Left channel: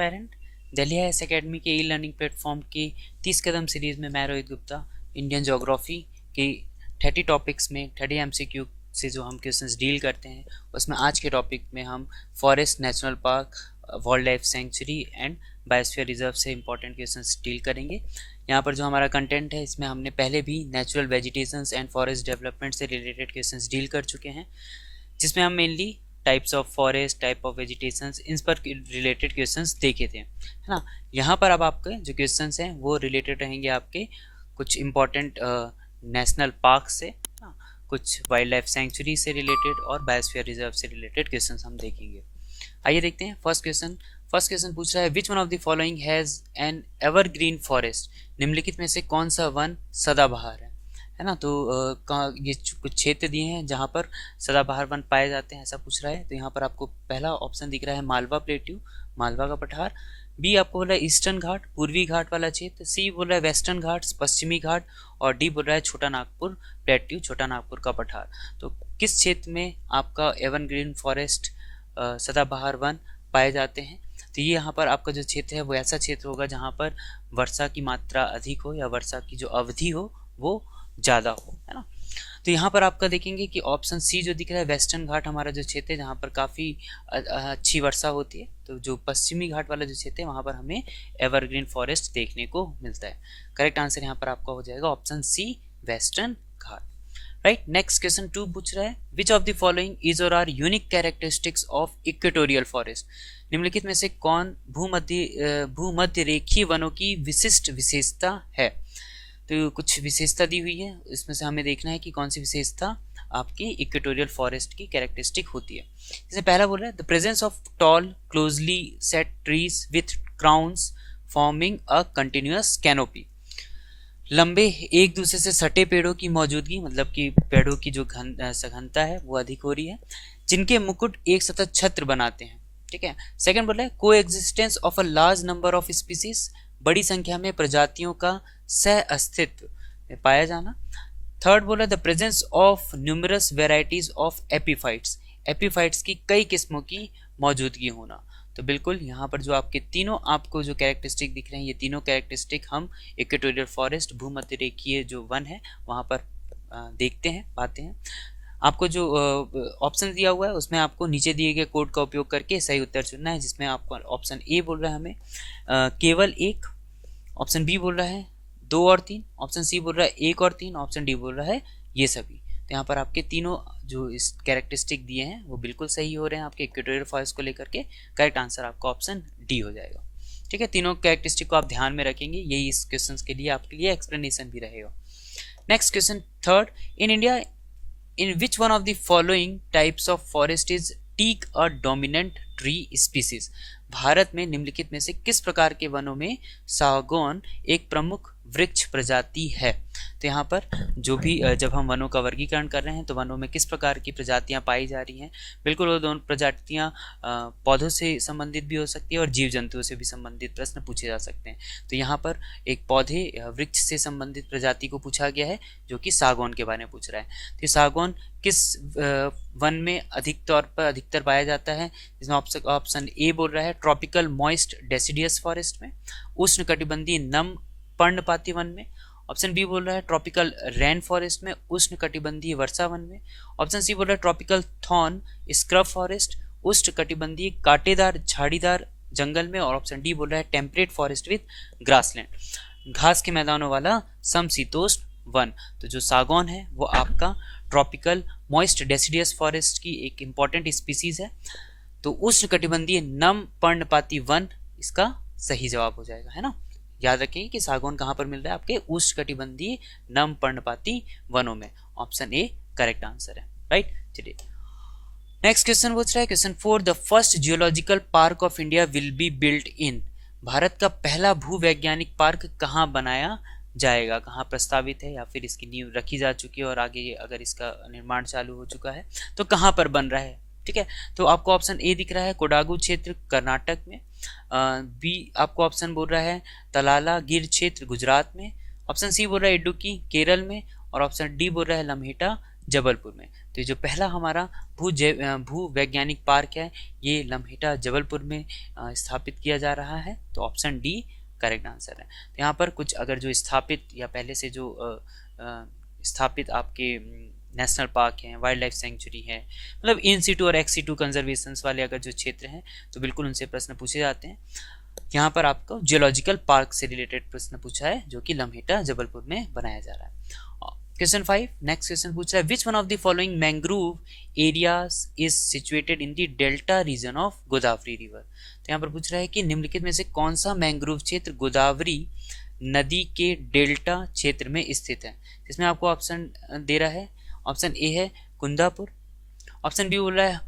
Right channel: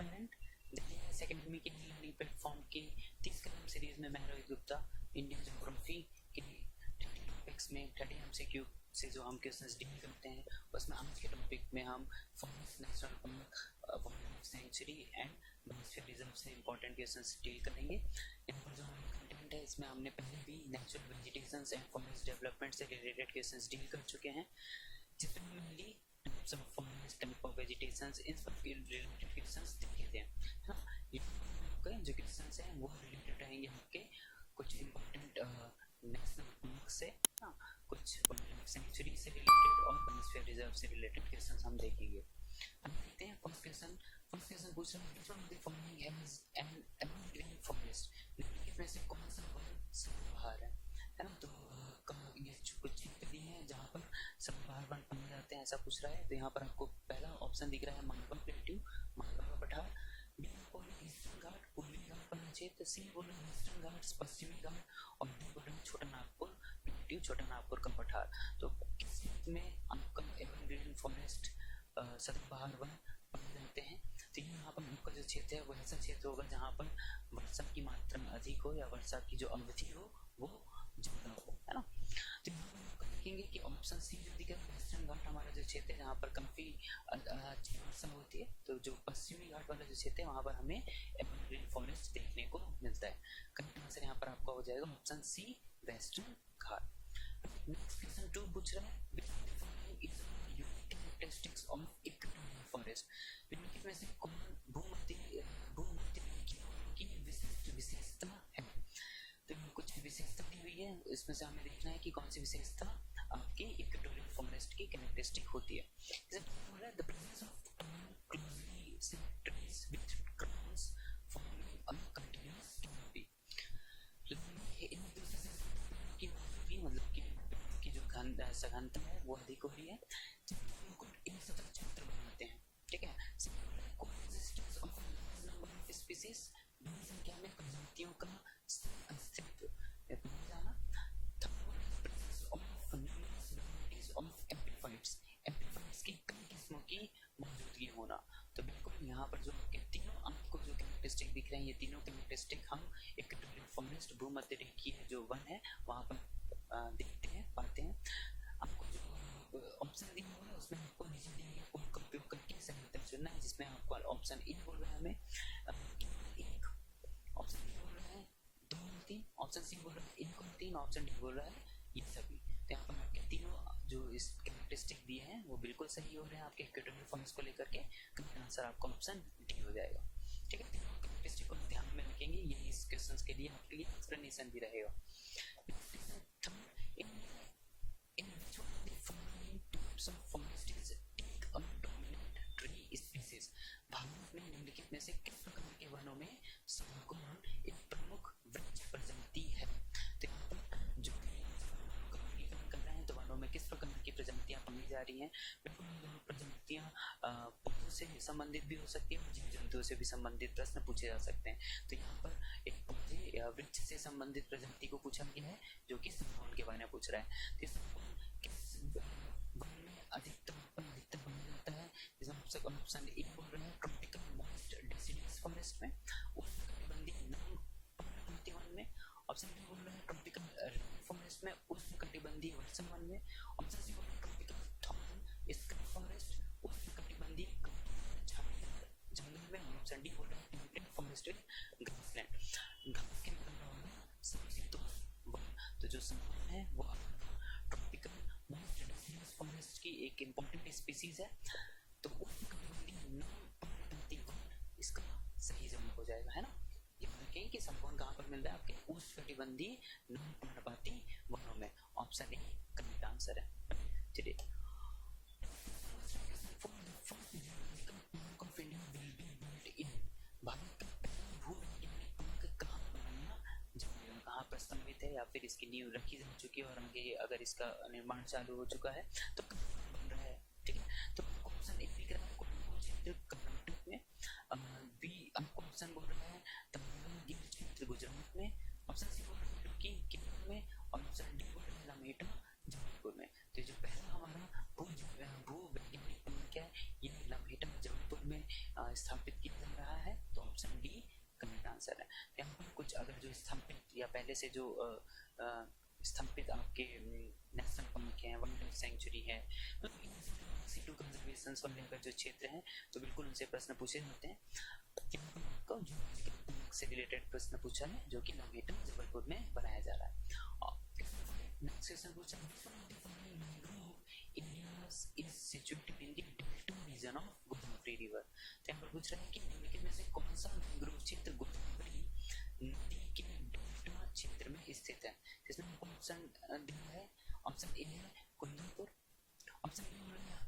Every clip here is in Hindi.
एस्पायरेंट, दिल्ली हाईएस एकेडमी के ई लर्निंग प्लेटफॉर्म की 30 कदम सीरीज में मैं रोहित गुप्ता इंडियन ज्योग्राफी की 30 टॉपिक्स में 30 एमसीक्यू से जो हम क्वेश्चंस डील करते हैं उसमें आज के टॉपिक में हम forest, national park, wild life century and biosphere reserve से इंपॉर्टेंट क्वेश्चंस डील करेंगे। यहाँ पर जो हमारा कंटेंट है इसमें हमने पहले भी natural vegetations and forest development से रिलेटेड क्वेश्चंस डील कर चुके हैं, जिसमें हम mainly types of forest, type of vegetations, इन पर रिलेटेड क्वेश्चंस देखे थे, है ना। यहाँ पर अब आपके जो क्वेश्चंस हैं वो रिलेटेड रहेंगे आपके कुछ इंपॉर्टेंट नेशनल पार्क से, कुछ वाइल्ड लाइफ सेंचुरी से रिलेटेड और बायोस्फीयर रिजर्व से रिलेटेड क्वेश्चंस हम देखेंगे। आइए देखते हैं फर्स्ट क्वेश्चन पूछ रहा है which one of the following has an evergreen forest. निम्नलिखित में से कौन सा वन सदाबहार है ना। तो ये कुछ क्षेत्र दिए हैं जहाँ पर सदाबहार वन पाए जाते हैं, ऐसा पूछ रहा है। तो यहाँ पर आपको पहला ऑप्शन दिख रहा है मालवा प्लेट्यू, मालवा का पठार। बी आपको बोला है ईस्टर्न घाट, पूर्वी घाट वाला क्षेत्र। सी बोल रहा है वेस्टर्न घाट्स, पश्चिमी घाट। और डी बोल रहा है छोटा नागपुर प्लेट्यू, छोटा नागपुर का पठार। तो किस क्षेत्र में आपका एवरग्रीन फॉरेस्ट सदाबहार वन पाए जाते हैं। तो ये यहाँ पर आपका जो क्षेत्र है वो ऐसा क्षेत्र होगा जहाँ पर वर्षा की मात्रा अधिक हो या वर्षा की जो अवधि हो वो ज़्यादा हो, है ना। तो यहाँ पर आपका देखेंगे कि ऑप्शन सी जो दिख रहा है वेस्टर्न घाट हमारा जो क्षेत्र है जहाँ पर काफ़ी अच्छी वर्षा होती है। तो जो पश्चिमी घाट वाला जो क्षेत्र है वहाँ पर हमें एवरग्रीन फॉरेस्ट देखने को मिलता है। करेक्ट आंसर यहाँ पर आपका हो जाएगा option C western Ghat, right. Next question 2 पूछ रहा है which of the following is और are unique characteristics of equatorial forest. निम्नलिखित में से कौन भूमध्य रेखीय वनों की विशिष्ट विशेषता है। तो कुछ विशेषता दी हुई है, इसमें से हमें देखना है कि कौन सी विशेषता आपकी इक्वेटोरियल फॉरेस्ट की कैरेक्टरिस्टिक होती है। जैसे पहला बोल रहा है the presence of tall closely set trees with crowns forming a continuous canopy. लंबे एक दूसरे से सटे पेड़ों की मौजूदगी, मतलब कि पेड़ों की जो सघनता है वो अधिक हो रही है, जिनके मुकुट एक सतत छत्र बनाते हैं। ठीक है। सेकंड बोल रहा है को existence of a large number of species, बड़ी संख्या में प्रजातियों का सह अस्तित्व में पाया जाना। थर्ड बोला the presence of numerous varieties of epiphytes, epiphytes की कई किस्मों की मौजूदगी होना। तो बिल्कुल यहाँ पर जो आपके तीनों आपको जो कैरेक्टरिस्टिक दिख रहे हैं ये तीनों कैरेक्टरिस्टिक हम इक्वेटोरियल फॉरेस्ट भूमध्य रेखीय जो वन है वहाँ पर देखते हैं, पाते हैं। आपको जो ऑप्शन दिया हुआ है उसमें आपको नीचे दिए गए कोड का उपयोग करके सही उत्तर चुनना है, जिसमें आपको ऑप्शन ए बोल रहा है हमें केवल एक, ऑप्शन बी बोल रहा है 2 और 3, ऑप्शन सी बोल रहा है 1 और 3, ऑप्शन डी बोल रहा है ये सभी। तो यहाँ पर आपके तीनों जो इस कैरेक्टरिस्टिक दिए हैं वो बिल्कुल सही हो रहे हैं आपके इक्वेटोरियल फॉरेस्ट को लेकर के। करेक्ट आंसर आपका ऑप्शन डी हो जाएगा। ठीक है, तीनों कैरेक्टरिस्टिक को आप ध्यान में रखेंगे, यही इस क्वेश्चन के लिए आपके लिए एक्सप्लेनेशन भी रहेगा। Next question third, in India in which one of the following types of forest is teak a dominant tree species। Bharat में निम्नलिखित में से किस प्रकार के वनों में सागौन एक प्रमुख वृक्ष प्रजाति है। तो यहाँ पर जो भी जब हम वनों का वर्गीकरण कर रहे हैं तो वनों में किस प्रकार की प्रजातियाँ पाई जा रही हैं, बिल्कुल वो दोनों प्रजातियाँ पौधों से संबंधित भी हो सकती है और जीव जंतुओं से भी संबंधित प्रश्न पूछे जा सकते हैं। तो यहाँ पर एक पौधे वृक्ष से संबंधित प्रजाति को पूछा गया है जो कि सागौन के बारे में पूछ रहा है। तो सागौन किस वन में अधिकतर पाया जाता है, जिसमें ऑप्शन ए बोल रहा है ट्रॉपिकल मॉइस्ट डेसिडियस फॉरेस्ट में, उष्ण कटिबंधीय नम पर्णपाती वन में। ऑप्शन बी बोल रहा है ट्रॉपिकल रेन फॉरेस्ट में, उष्ण कटिबंधीय वर्षा वन में। ऑप्शन सी बोल रहा है ट्रॉपिकल थॉर्न स्क्रब फॉरेस्ट, उष्ण कटिबंधीय कांटेदार झाड़ीदार जंगल में। और ऑप्शन डी बोल रहा है टेम्परेट फॉरेस्ट विथ ग्रासलैंड, घास के मैदानों वाला समशीतोष्ण वन। तो जो सागौन है वो आपका ट्रॉपिकल मॉइस्ट डेसिडियस फॉरेस्ट की एक इंपॉर्टेंट स्पीसीज है। तो उष्ण कटिबंधीय नम पर्णपाती वन इसका सही जवाब हो जाएगा, है ना। याद रखें कि सागौन कहाँ पर मिल रहा है आपके उष्ण कटिबंधीय नम पर्णपाती वनों में। ऑप्शन ए करेक्ट आंसर है, राइट। चलिए नेक्स्ट क्वेश्चन पूछ रहा है question 4 the first geological park of India will be built in. Bharat का पहला भूवैज्ञानिक पार्क कहाँ बनाया जाएगा, कहाँ प्रस्तावित है या फिर इसकी नींव रखी जा चुकी है और आगे अगर इसका निर्माण चालू हो चुका है तो कहाँ पर बन रहा है। ठीक है, तो आपको ऑप्शन ए दिख रहा है कोडागू क्षेत्र कर्नाटक में, बी आपको ऑप्शन बोल रहा है तलाला गिर क्षेत्र गुजरात में, ऑप्शन सी बोल रहा है इडुक्की केरल में, और ऑप्शन डी बोल रहा है लम्हेटा जबलपुर में। तो ये जो पहला हमारा भू वैज्ञानिक पार्क है ये लम्हेटा जबलपुर में स्थापित किया जा रहा है। तो ऑप्शन डी करेक्ट आंसर है। तो यहाँ पर कुछ अगर जो स्थापित या पहले से जो स्थापित आपके नेशनल पार्क हैं, वाइल्ड लाइफ सेंचुरी है, मतलब इन सीटू और एक्स सीटू कंजर्वेशन वाले अगर जो क्षेत्र हैं तो बिल्कुल उनसे प्रश्न पूछे जाते हैं। यहाँ पर आपको जियोलॉजिकल पार्क से रिलेटेड प्रश्न पूछा है जो कि लम्हेटा जबलपुर में बनाया जा रहा है। क्वेश्चन 5 नेक्स्ट क्वेश्चन पूछ रहा है which one of the following mangrove areas is situated in the delta region of Godavari river. तो यहाँ पर पूछ रहा है कि निम्नलिखित में से कौन सा मैंग्रोव क्षेत्र गोदावरी नदी के डेल्टा क्षेत्र में स्थित है। इसमें आपको ऑप्शन दे रहा है। ऑप्शन ए है कुंदापुर, ऑप्शन बी बोल रहा है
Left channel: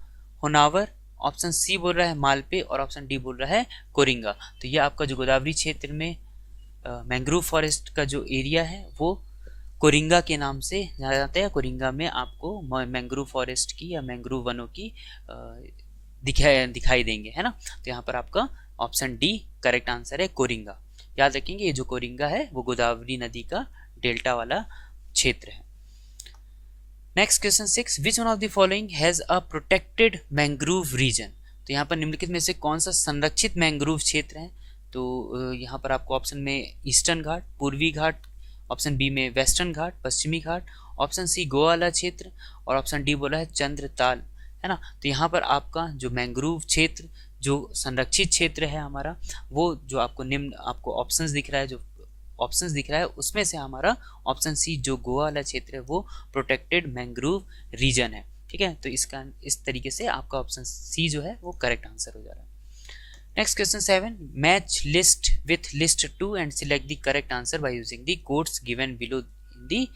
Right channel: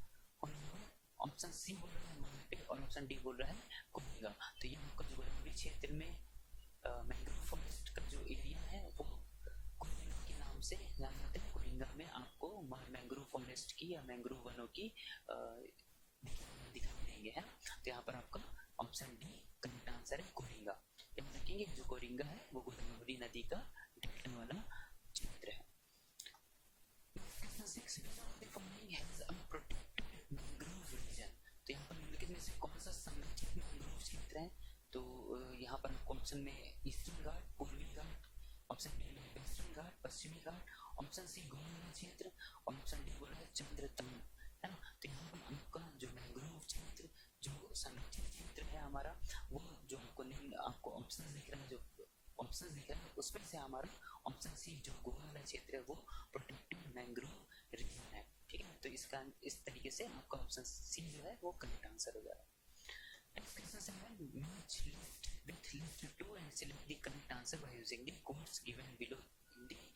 होनावर, ऑप्शन सी बोल रहा है मालपे और ऑप्शन डी बोल रहा है कोरिंगा। तो ये आपका जो गोदावरी क्षेत्र में मैंग्रोव फॉरेस्ट का जो एरिया है वो कोरिंगा के नाम से जाना जाता है। कोरिंगा में आपको मैंग्रोव फॉरेस्ट की या मैंग्रोव वनों की दिखाई देंगे, है ना। तो यहाँ पर आपका ऑप्शन डी करेक्ट आंसर है, कोरिंगा। याद रखेंगे ये जो कोरिंगा है वो गोदावरी नदी का डेल्टा वाला क्षेत्र है। Next question 6 which one of the following has a protected mangrove region. तो यहाँ पर निम्नलिखित में से कौन सा संरक्षित मैंग्रोव क्षेत्र है। तो यहाँ पर आपको ऑप्शन में ईस्टर्न घाट, पूर्वी घाट, ऑप्शन बी में वेस्टर्न घाट, पश्चिमी घाट, ऑप्शन सी गोवा वाला क्षेत्र और ऑप्शन डी बोला है चंद्रताल, है ना। तो यहाँ पर आपका जो मैंग्रोव क्षेत्र जो संरक्षित क्षेत्र है हमारा वो जो आपको निम्न आपको ऑप्शंस दिख रहा है, जो ऑप्शंस दिख रहा है उसमें से हमारा ऑप्शन सी जो गोवा वाला क्षेत्र है वो प्रोटेक्टेड मैंग्रोव रीजन है। ठीक है, तो इसका इस तरीके से आपका ऑप्शन सी जो है वो करेक्ट आंसर हो जा रहा है। Next question 7 match list with list 2 and select the correct answer by using the codes given below in the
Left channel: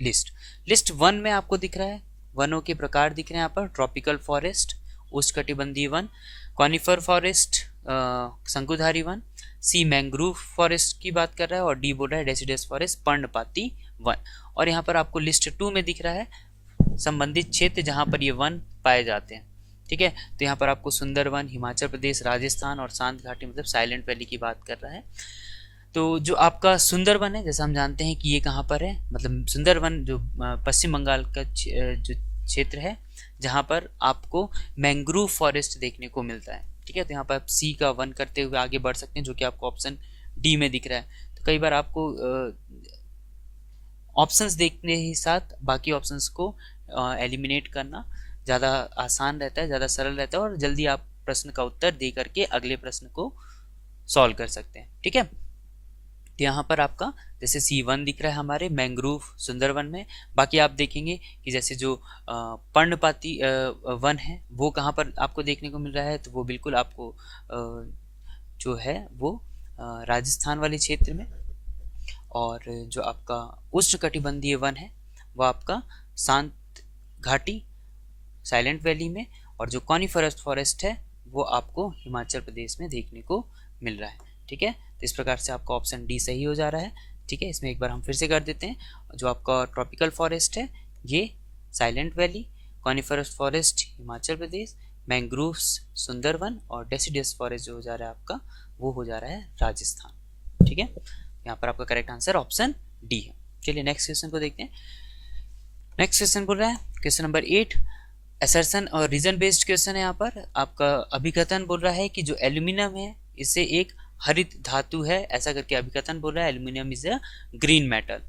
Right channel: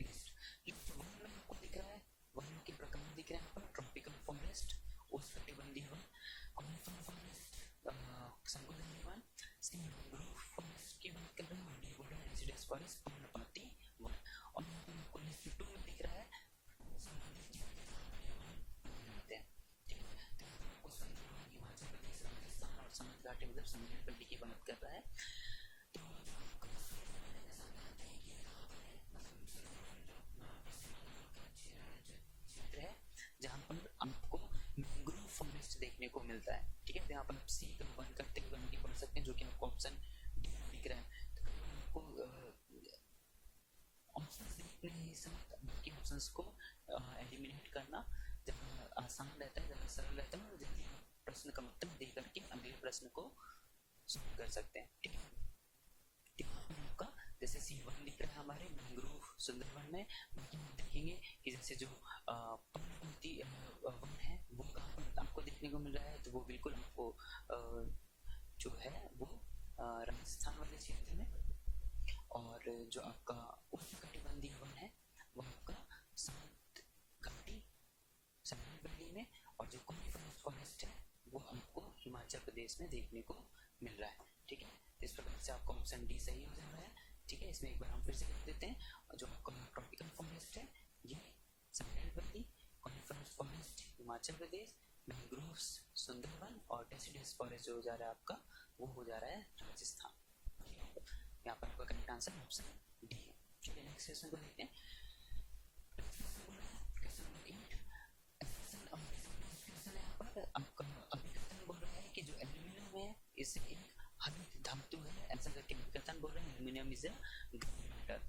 list. List 1 में आपको दिख रहा है वनों के प्रकार दिख रहे हैं यहाँ पर, ट्रॉपिकल फॉरेस्ट, उष्णकटिबंधीय वन, कॉनिफर फॉरेस्ट, शंकुधारी वन, सी मैंग्रोव फॉरेस्ट की बात कर रहा है और डी बोल रहा है डेसिडस फॉरेस्ट, पर्णपाती वन। और यहाँ पर आपको लिस्ट 2 में दिख रहा है संबंधित क्षेत्र जहाँ पर ये वन पाए जाते हैं। ठीक है, तो यहाँ पर आपको सुंदरवन, हिमाचल प्रदेश, राजस्थान और शांत घाटी मतलब साइलेंट वैली की बात कर रहा है। तो जो आपका सुंदरवन है जैसा हम जानते हैं कि ये कहाँ पर है, मतलब सुंदरवन जो पश्चिम बंगाल का जो क्षेत्र है जहाँ पर आपको मैंग्रोव फॉरेस्ट देखने को मिलता है। ठीक है, तो यहाँ पर आप सी का 1 करते हुए आगे बढ़ सकते हैं जो कि आपको ऑप्शन डी में दिख रहा है। तो कई बार आपको ऑप्शंस देखने के साथ बाकी ऑप्शंस को एलिमिनेट करना ज़्यादा आसान रहता है, ज़्यादा सरल रहता है और जल्दी आप प्रश्न का उत्तर दे करके अगले प्रश्न को सॉल्व कर सकते हैं। ठीक है, तो यहाँ पर आपका जैसे C1 दिख रहा है हमारे मैंग्रोव सुंदरवन में। बाकी आप देखेंगे कि जैसे जो पर्णपाती वन है वो कहाँ पर आपको देखने को मिल रहा है, तो वो बिल्कुल आपको जो है वो राजस्थान वाले क्षेत्र में, और जो आपका उष्णकटिबंधीय वन है वो आपका शांत घाटी साइलेंट वैली में, और जो कॉनिफरस फॉरेस्ट है वो आपको हिमाचल प्रदेश में देखने को मिल रहा है। ठीक है, तो इस प्रकार से आपका ऑप्शन डी सही हो जा रहा है। ठीक है, इसमें एक बार हम फिर से कर देते हैं। जो आपका ट्रॉपिकल फॉरेस्ट है ये silent valley, coniferous forest Himachal Pradesh, mangroves Sundarban और डेसिडस फॉरेस्ट जो हो जा रहा है आपका वो हो जा रहा है राजस्थान। ठीक है, यहाँ पर आपका करेक्ट आंसर ऑप्शन डी है। चलिए नेक्स्ट क्वेश्चन को देखते हैं। नेक्स्ट क्वेश्चन बोल रहा है क्वेश्चन नंबर 8 असर्शन और रीजन बेस्ड क्वेश्चन है। यहाँ पर आपका अभिकथन बोल रहा है कि जो एल्यूमिनियम है इससे एक हरित धातु है, ऐसा करके अभिकथन बोल रहा है। Aluminium is a green metal.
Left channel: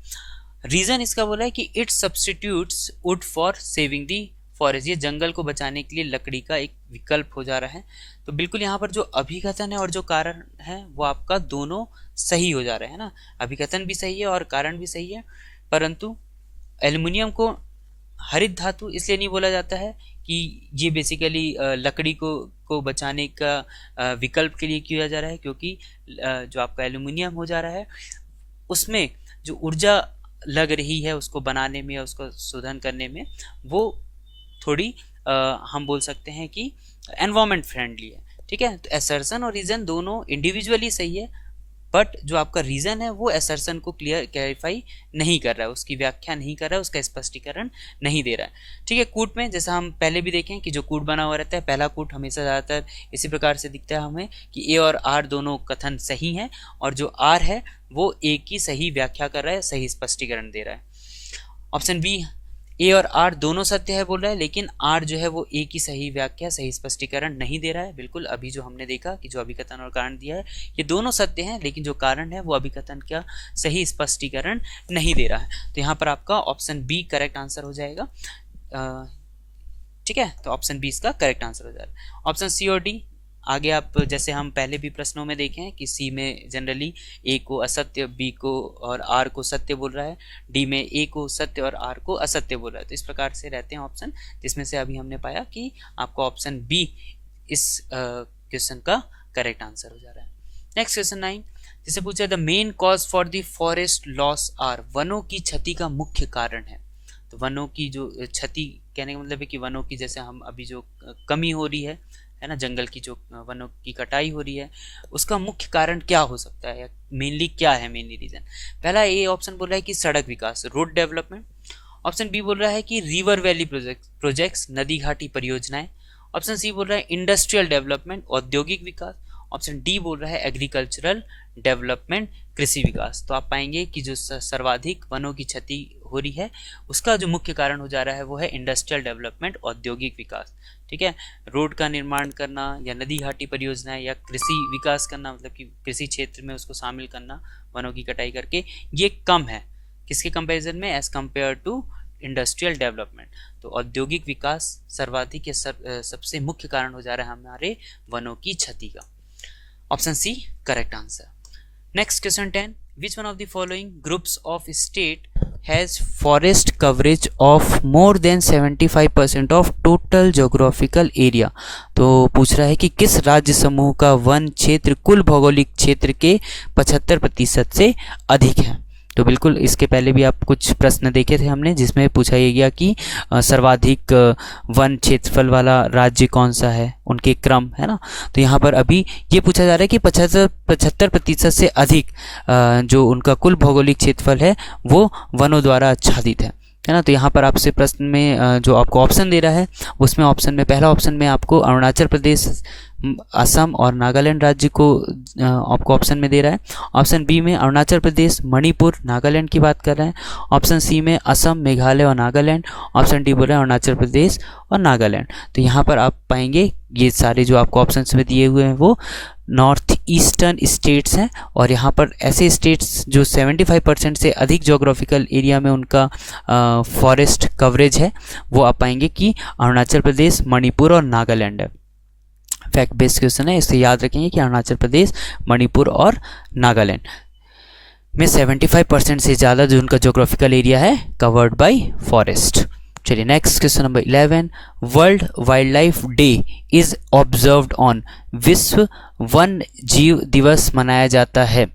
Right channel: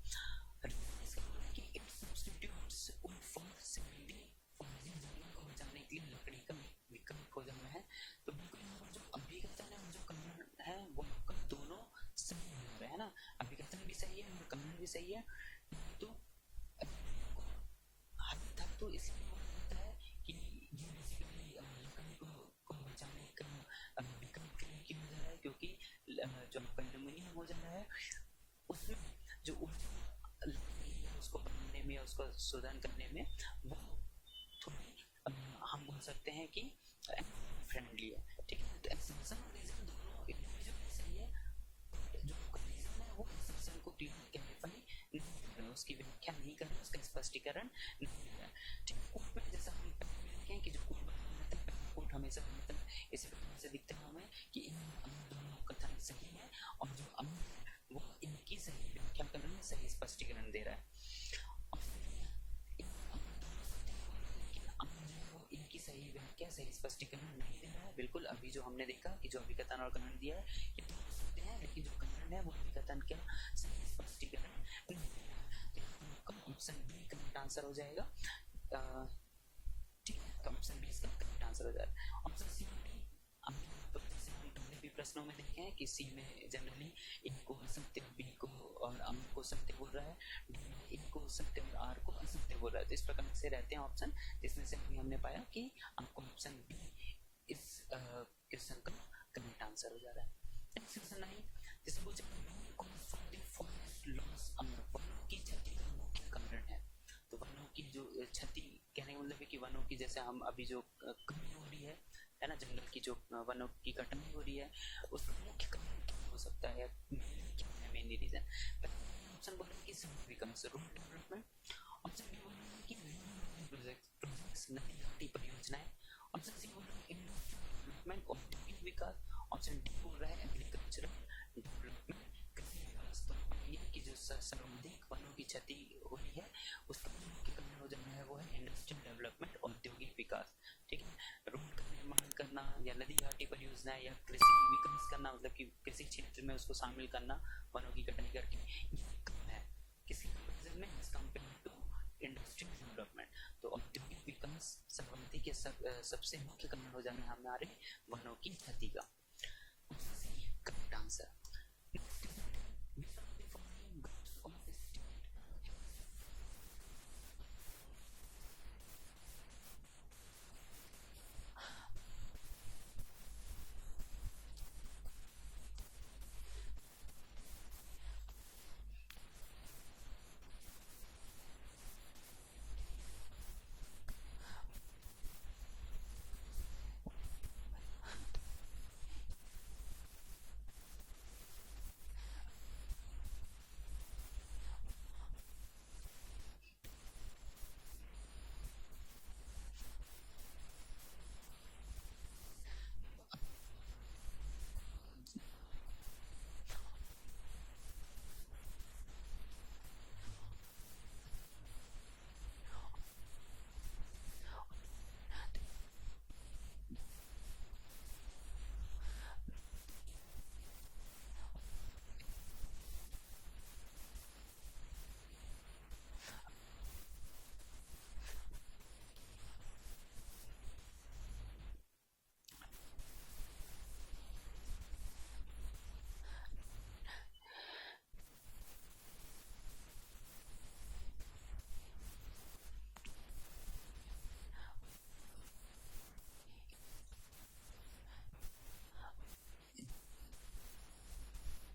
Reason इसका बोला है कि it substitutes wood for saving the forest, ये जंगल को बचाने के लिए लकड़ी का एक विकल्प हो जा रहा है। तो बिल्कुल यहाँ पर जो अभिकथन है और जो कारण है वो आपका दोनों सही हो जा रहे हैं ना, अभिकथन भी सही है और कारण भी सही है। परंतु एल्यूमिनियम को हरित धातु इसलिए नहीं बोला जाता है कि ये बेसिकली लकड़ी को बचाने का विकल्प के लिए किया जा रहा है, क्योंकि जो आपका एल्यूमिनियम हो जा रहा है उसमें जो ऊर्जा लग रही है उसको बनाने में, उसको शोधन करने में, वो थोड़ी हम बोल सकते हैं कि एनवायरमेंट फ्रेंडली है। ठीक है, तो असर्शन और रीजन दोनों इंडिविजुअली सही है, बट जो आपका रीजन है वो असर्शन को क्लैरिफाई नहीं कर रहा है, उसकी व्याख्या नहीं कर रहा है, उसका स्पष्टीकरण नहीं दे रहा है। ठीक है, कूट में जैसा हम पहले भी देखें कि जो कूट बना हुआ रहता है, पहला कूट हमेशा ज़्यादातर इसी प्रकार से दिखता है हमें कि ए और आर दोनों कथन सही हैं, और जो आर है वो ए की सही व्याख्या कर रहा है, सही स्पष्टीकरण दे रहा है। ऑप्शन बी ए और आर दोनों सत्य है बोल रहा है, लेकिन आर जो है वो ए की सही व्याख्या, सही स्पष्टीकरण नहीं दे रहा है। बिल्कुल अभी जो हमने देखा कि जो अभिकथन और कारण दिया है ये दोनों सत्य हैं, लेकिन जो कारण है वो अभिकथन का सही स्पष्टीकरण नहीं दे रहा है। तो यहाँ पर आपका ऑप्शन बी करेक्ट आंसर हो जाएगा। ठीक है, तो ऑप्शन बी इसका करेक्ट आंसर हो जाएगा। ऑप्शन सी और डी आगे आप जैसे हम पहले भी प्रश्नों में देखे हैं कि सी में जनरली ए को असत्य, बी को और आर को सत्य बोल रहा है, डी में ए को सत्य और आर को असत्य बोल रहा है। तो इस प्रकार से रहते हैं ऑप्शन, जिसमें से अभी हमने पाया कि आपका ऑप्शन बी इस क्वेश्चन का करेक्ट आंसर हो जा रहा है। नेक्स्ट क्वेश्चन 9, जिसे पूछा the main cause for the forest loss are, वनों की क्षति का मुख्य कारण है। तो वनों की जो क्षति कहने का मतलब है कि वनों की जैसे हम अभी जो कमी हो रही है ना, जंगल की जो वनों की कटाई हो रही है, उसका मुख्य कारण क्या हो सकता है, मेनली क्या है मेनली रीजन। पहला ए ऑप्शन बोल रहा है कि सड़क विकास, रोड डेवलपमेंट। ऑप्शन बी बोल रहा है कि रिवर वैली प्रोजेक्ट्स, नदी घाटी परियोजनाएं। ऑप्शन सी बोल रहा है इंडस्ट्रियल डेवलपमेंट, औद्योगिक विकास। ऑप्शन डी बोल रहा है एग्रीकल्चरल डेवलपमेंट, कृषि विकास। तो आप पाएंगे कि जो सर्वाधिक वनों की क्षति हो रही है उसका जो मुख्य कारण हो जा रहा है वो है इंडस्ट्रियल डेवलपमेंट, औद्योगिक विकास। ठीक है, रोड का निर्माण करना या नदी घाटी परियोजनाएं या कृषि विकास करना, मतलब कि कृषि क्षेत्र में उसको शामिल करना वनों की कटाई करके, ये कम है किसके कंपैरिजन में, as compare to industrial development. तो औद्योगिक विकास सर्वाधिक सबसे मुख्य कारण हो जा रहा है हमारे वनों की क्षति का। Option C correct answer. Next question 10, which one of the following groups of state has forest coverage of more than 75% of total geographical area. तो पूछ रहा है कि किस राज्य समूह का वन क्षेत्र कुल भौगोलिक क्षेत्र के 75% से अधिक है। तो बिल्कुल इसके पहले भी आप कुछ प्रश्न देखे थे हमने, जिसमें पूछा ये गया कि सर्वाधिक वन क्षेत्रफल वाला राज्य कौन सा है, उनके क्रम, है ना। तो यहाँ पर अभी ये पूछा जा रहा है कि 75% से अधिक जो उनका कुल भौगोलिक क्षेत्रफल है वो वनों द्वारा आच्छादित है ना। तो यहाँ पर आपसे प्रश्न में जो आपको ऑप्शन दे रहा है उसमें ऑप्शन में पहला ऑप्शन में आपको अरुणाचल प्रदेश, असम और नागालैंड राज्य को आपको ऑप्शन में दे रहा है। ऑप्शन बी में अरुणाचल प्रदेश, मणिपुर, नागालैंड की बात कर रहे हैं। ऑप्शन सी में असम, मेघालय और नागालैंड। ऑप्शन डी बोल रहे हैं अरुणाचल प्रदेश और नागालैंड। तो यहाँ पर आप पाएंगे ये सारे जो आपको ऑप्शन में दिए हुए हैं वो नॉर्थ ईस्टर्न स्टेट्स हैं, और यहाँ पर ऐसे स्टेट्स जो 75% से अधिक जोग्राफिकल एरिया में उनका फॉरेस्ट कवरेज है वो आप पाएंगे कि अरुणाचल प्रदेश, मणिपुर और नागालैंड है। फैक्ट बेस्ड क्वेश्चन है, इसे याद रखेंगे कि अरुणाचल प्रदेश, मणिपुर और नागालैंड में 75% से ज़्यादा जो उनका जोग्राफिकल एरिया है कवर्ड बाय फॉरेस्ट। चलिए next question number 11, world wild life day is observed on, विश्व वन जीव दिवस मनाया जाता है।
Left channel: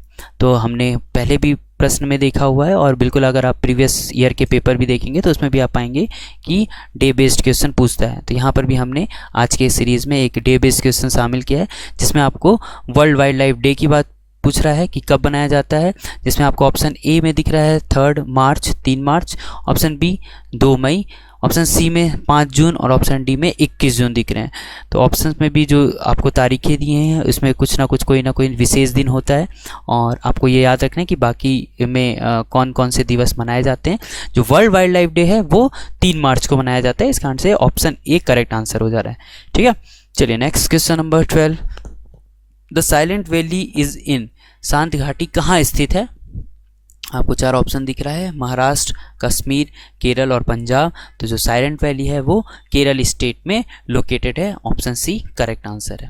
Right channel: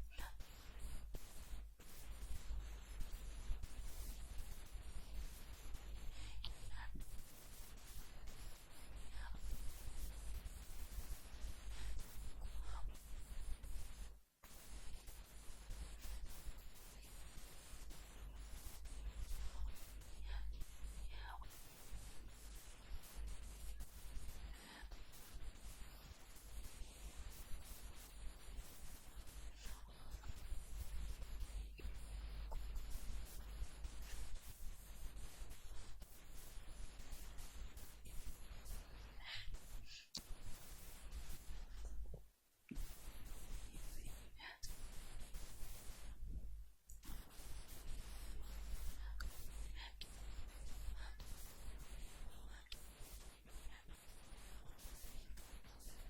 तो हमने पहले भी प्रश्न में देखा हुआ है, और बिल्कुल अगर आप प्रीवियस ईयर के पेपर भी देखेंगे तो उसमें भी आप पाएंगे कि डे बेस्ड क्वेश्चन पूछता है। तो यहाँ पर भी हमने आज के सीरीज़ में एक डे बेस्ड क्वेश्चन शामिल किया है, जिसमें आपको वर्ल्ड वाइल्ड लाइफ डे की बात पूछ रहा है कि कब बनाया जाता है, जिसमें आपको ऑप्शन ए में दिख रहा है 3 मार्च, 3 मार्च, ऑप्शन बी 2 मई, ऑप्शन सी में 5 जून और ऑप्शन डी में 21 जून दिख रहे हैं। तो ऑप्शन में भी जो आपको तारीखें दिए हैं उसमें कुछ ना कुछ कोई ना कोई विशेष दिन होता है, और आपको ये याद रखना है कि बाकी में कौन कौन से दिवस मनाए जाते हैं। जो वर्ल्ड वाइल्ड लाइफ डे है वो 3 मार्च को मनाया जाता है, इस कारण से ऑप्शन ए करेक्ट आंसर हो जा रहा है। ठीक है, चलिए next question number 12, the silent valley is in, शांत घाटी कहाँ स्थित है। आपको 4 ऑप्शन दिख रहा है, महाराष्ट्र, कश्मीर, केरल और पंजाब। तो जो साइलेंट वैली है वो केरल स्टेट में लोकेटेड है, ऑप्शन सी करेक्ट आंसर है।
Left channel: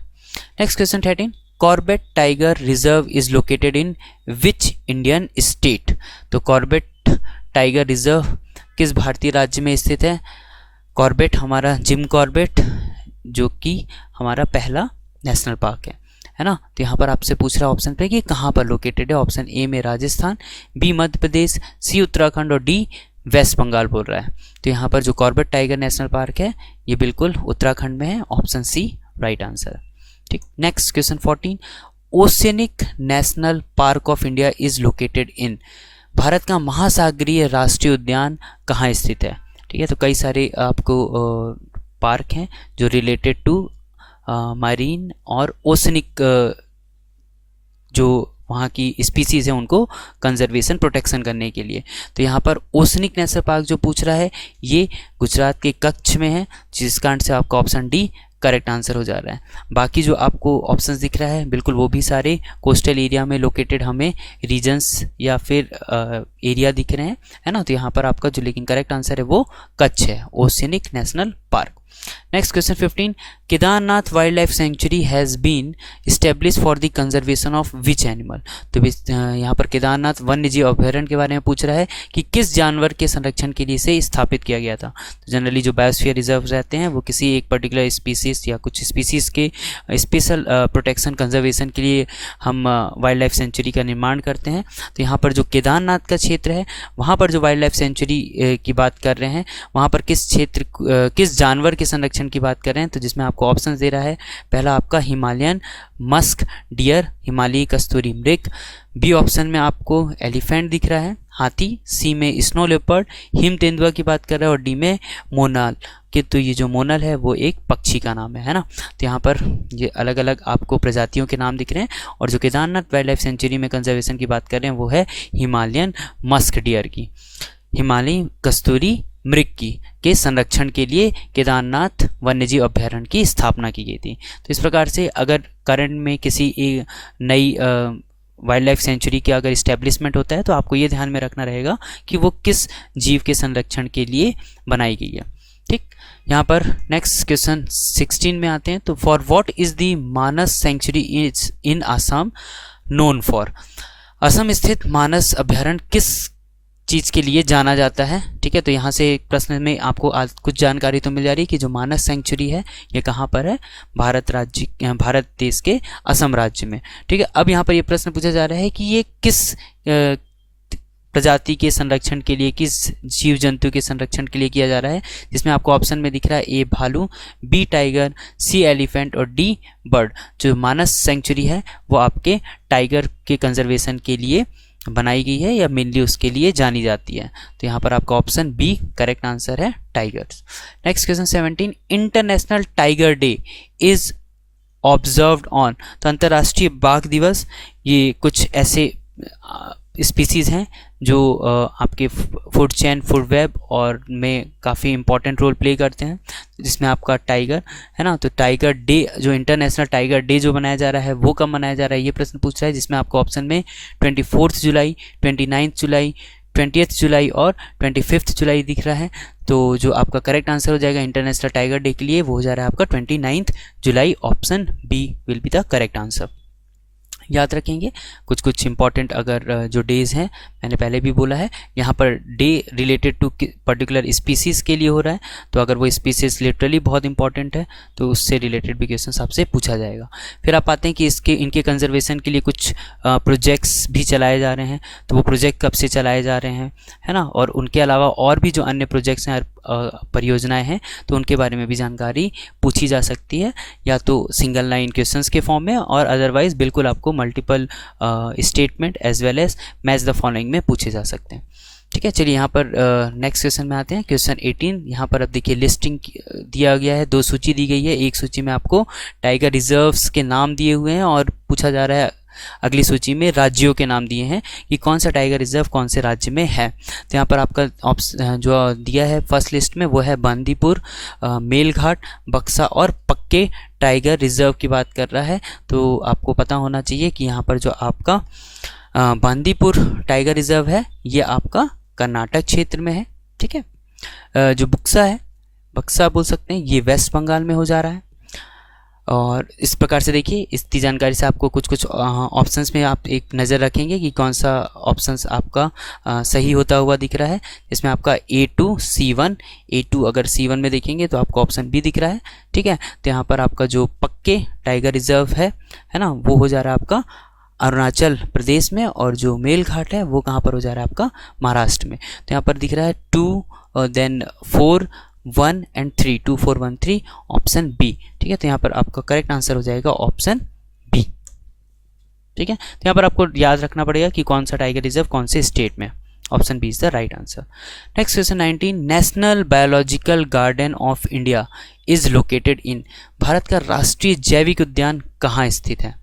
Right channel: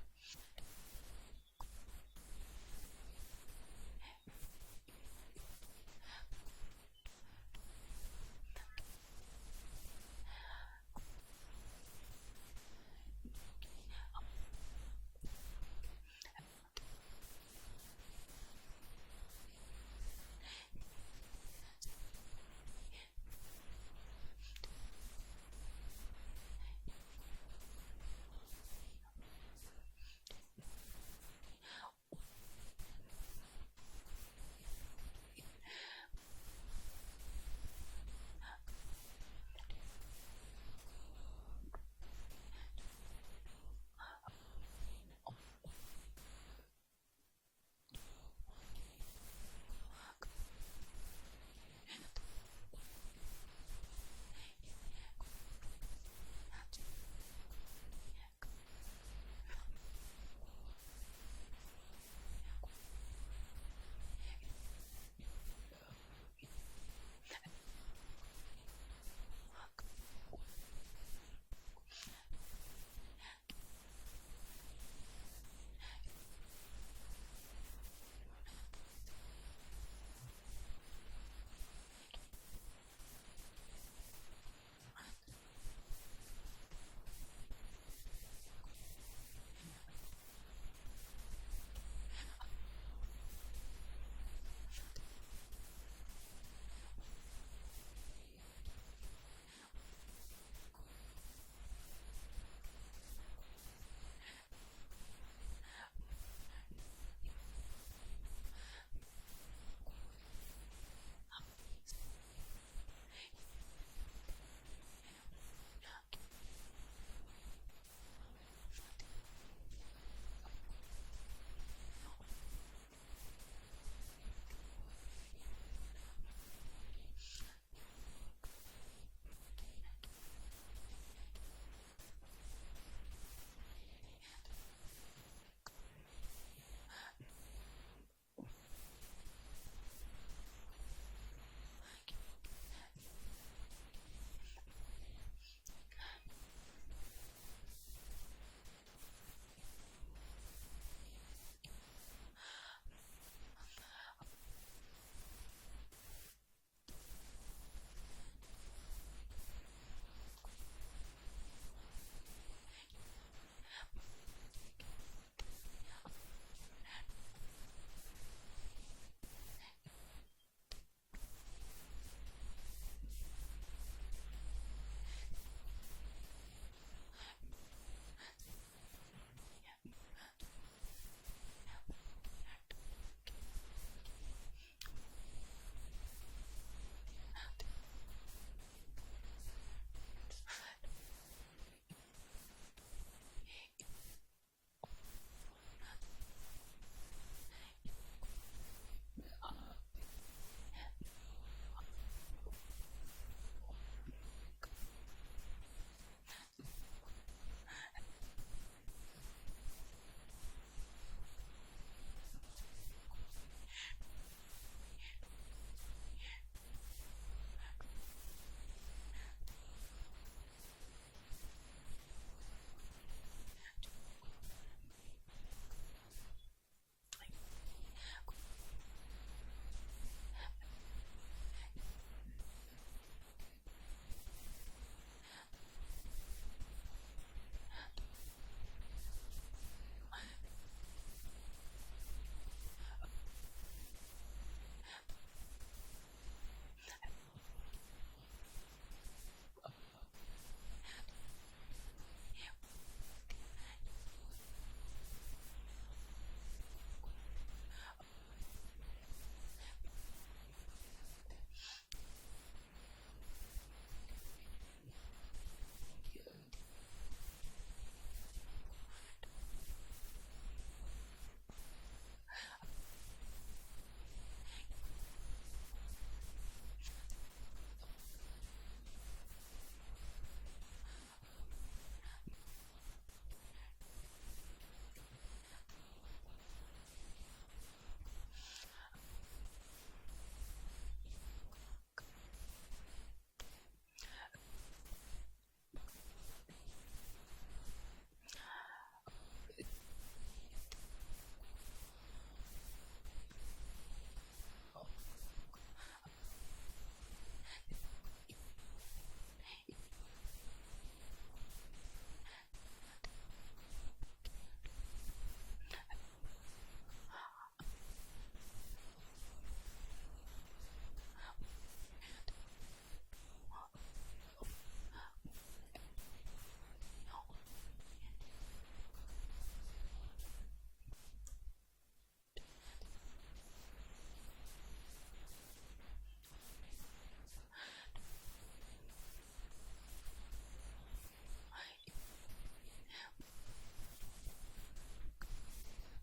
Next question 13, Corbett tiger reserve is located in which Indian state. तो कॉर्बेट टाइगर रिजर्व किस भारतीय राज्य में स्थित है। कॉर्बेट हमारा जिम कॉर्बेट, जो कि हमारा पहला नेशनल पार्क है ना। तो यहाँ पर आपसे पूछ रहा है ऑप्शन पे कि कहाँ पर लोकेटेड है। ऑप्शन ए में राजस्थान, बी मध्य प्रदेश, सी उत्तराखंड और डी वेस्ट बंगाल बोल रहा है। तो यहाँ पर जो कॉर्बेट टाइगर नेशनल पार्क है ये बिल्कुल उत्तराखंड में है, ऑप्शन सी राइट आंसर। ठीक, next question 14, oceanic national park of India is located in, Bharat का महासागरीय राष्ट्रीय उद्यान कहाँ स्थित है। ठीक है, तो कई सारे आपको पार्क हैं जो रिलेटेड टू मरीन और ओशनिक जो वहाँ की स्पीसीज़ है उनको कंजर्वेशन प्रोटेक्शन करने के लिए। तो यहाँ पर ओसनिक नेशनल पार्क जो पूछ रहा है ये गुजरात के कच्छ में है, जिस कारण से आपका ऑप्शन डी करेक्ट आंसर हो जा रहा है। बाकी जो आपको ऑप्शंस दिख रहा है बिल्कुल वो भी सारे कोस्टल एरिया में लोकेटेड हमें रीजन्स या फिर एरिया दिख रहे हैं, है ना। तो यहाँ पर आपका जो लेकिन करेक्ट आंसर है वो कच्छ है, oceanic national park. Next question 15, Kedarnath wild life sanctuary has been establish for the conservation of which animal. तो यहाँ पर केदारनाथ वन्य जीव अभ्यारण्य के बारे में पूछ रहा है कि किस जानवर के संरक्षण के लिए इसे स्थापित किया गया था। तो जनरली जो बायोस्फीयर रिजर्व रहते हैं वो किसी एक पर्टिकुलर स्पीसीज या कुछ स्पीसीज के स्पेशल प्रोटेक्शन कंजर्वेशन के लिए हम वाइल्ड लाइफ सेंचुरी का निर्माण करते हैं। तो यहाँ पर जो केदारनाथ का क्षेत्र है वहाँ पर जो वाइल्ड लाइफ सेंचुरी की बात कर रहे हैं वहाँ पर किस क्षेत्र किस जानवर के संरक्षण की बात कर रहे हैं। तो जिसमें आपको ऑप्शन दे रहा है, पहला आपका हिमालयन मस्क डियर, हिमालयी कस्तूरी मृग, बी ऑप्शन में आपको एलिफेंट दिख रहा है, हाथी, सी में स्नो लेपर्ड, हिम तेंदुआ की बात कर रहा है और डी में मोनाल कि तो ये जो मोनल है वो एक पक्षी का नाम है ना। तो यहाँ पर ये अलग अलग आपको प्रजातियों के नाम दिख रहे हैं और जो केदारनाथ वाइल्ड लाइफ सेंचुरी में कंजर्वेशन की बात कर रहे हैं वो है हिमालयन मस्क डियर की, हिमालयी कस्तूरी मृग की के संरक्षण के लिए केदारनाथ वन्यजीव अभ्यारण्य की स्थापना की गई थी। तो इस प्रकार से अगर करंट में किसी नई वाइल्ड लाइफ सेंचुरी का अगर इस्टेब्लिशमेंट होता है तो आपको ये ध्यान में रखना रहेगा कि वो किस जीव के संरक्षण के लिए बनाई गई है। ठीक, यहाँ पर नेक्स्ट क्वेश्चन 16 में आते हैं। तो for what is the Manas sanctuary is in Assam known for. Assam स्थित मानस अभ्यारण्य किस चीज़ के लिए जाना जाता है। ठीक है, तो यहाँ से एक प्रश्न में आपको कुछ जानकारी तो मिल जा रही है कि जो मानस सेंचुरी है ये कहाँ पर है, भारत देश के असम राज्य में। ठीक है, अब यहाँ पर ये प्रश्न पूछा जा रहा है कि ये किस प्रजाति के संरक्षण के लिए, किस जीव जंतु के संरक्षण के लिए किया जा रहा है, जिसमें आपको ऑप्शन में दिख रहा है ए भालू, बी टाइगर, सी एलिफेंट और डी बर्ड। जो मानस सेंचुरी है वो आपके टाइगर के कंजर्वेशन के लिए बनाई गई है या मेनली उसके लिए जानी जाती है। तो यहाँ पर आपका ऑप्शन बी करेक्ट आंसर है, tigers. Next question 17, international tiger day is observed on. तो अंतर्राष्ट्रीय बाघ दिवस ये कुछ ऐसे स्पीसीज़ हैं जो आपके फूड चेन, फूड वेब और में काफ़ी इंपॉर्टेंट रोल प्ले करते हैं, जिसमें आपका टाइगर है ना। तो टाइगर डे जो इंटरनेशनल टाइगर डे जो मनाया जा रहा है वो कब मनाया जा रहा है ये प्रश्न पूछ रहा है, जिसमें आपको ऑप्शन में 24 जुलाई, 29 जुलाई, 20 जुलाई और 25 जुलाई दिख रहा है। तो जो आपका करेक्ट आंसर हो जाएगा इंटरनेशनल टाइगर डे के लिए वो हो जा रहा है आपका 29 जुलाई। Option B will be the correct answer. याद रखेंगे कुछ इंपॉर्टेंट अगर जो डेज़ हैं, मैंने पहले भी बोला है यहाँ पर they related to particular species के लिए हो रहा है, तो अगर वो स्पीसीज़ लिटरली बहुत इंपॉर्टेंट है तो उससे रिलेटेड भी क्वेश्चन आपसे पूछा जाएगा। फिर आप पाते हैं कि इनके कंजर्वेशन के लिए कुछ प्रोजेक्ट्स भी चलाए जा रहे हैं। तो वो प्रोजेक्ट कब से चलाए जा रहे हैं, है ना, और उनके अलावा और भी जो अन्य प्रोजेक्ट्स हैं, परियोजनाएं हैं, तो उनके बारे में भी जानकारी पूछी जा सकती है, या तो सिंगल लाइन क्वेश्चंस के फॉर्म में और अदरवाइज बिल्कुल आपको multiple statement as well as match the following में पूछे जा सकते हैं। ठीक है, चलिए यहाँ पर नेक्स्ट क्वेश्चन में आते हैं। क्वेश्चन 18, यहाँ पर अब देखिए लिस्टिंग दिया गया है, 2 सूची दी गई है। एक सूची में आपको टाइगर रिजर्व्स के नाम दिए हुए हैं और पूछा जा रहा है अगली सूची में राज्यों के नाम दिए हैं कि कौन सा टाइगर रिजर्व कौन से राज्य में है। तो यहाँ पर आपका जो दिया है फर्स्ट लिस्ट में वो है बांदीपुर, मेलघाट, बक्सा और पक्के टाइगर रिजर्व की बात कर रहा है। तो आपको पता होना चाहिए कि यहाँ पर जो आपका बांदीपुर टाइगर रिजर्व है ये आपका कर्नाटक क्षेत्र में है। ठीक है, जो बक्सा बोल सकते हैं, ये वेस्ट बंगाल में हो जा रहा है। और इस प्रकार से देखिए इतनी जानकारी से आपको कुछ ऑप्शंस में आप एक नज़र रखेंगे कि कौन सा ऑप्शंस आपका सही होता हुआ दिख रहा है। इसमें आपका A2 C1, A2 अगर C1 में देखेंगे तो आपको ऑप्शन बी दिख रहा है। ठीक है, तो यहाँ पर आपका जो पक्के टाइगर रिजर्व है ना, वो हो जा रहा है आपका अरुणाचल प्रदेश में, और जो मेलघाट है वो कहाँ पर हो जा रहा है आपका महाराष्ट्र में। तो यहाँ पर दिख रहा है 2 देन 4 1 एंड 3, 2 4 1 3, ऑप्शन बी। ठीक है, तो यहाँ पर आपका करेक्ट आंसर हो जाएगा ऑप्शन बी। ठीक है, तो यहाँ पर आपको याद रखना पड़ेगा कि कौन सा टाइगर रिजर्व कौन से स्टेट में। Option B is the right answer. Next question 19, national biological garden of India is located in. Bharat का राष्ट्रीय जैविक उद्यान कहाँ स्थित है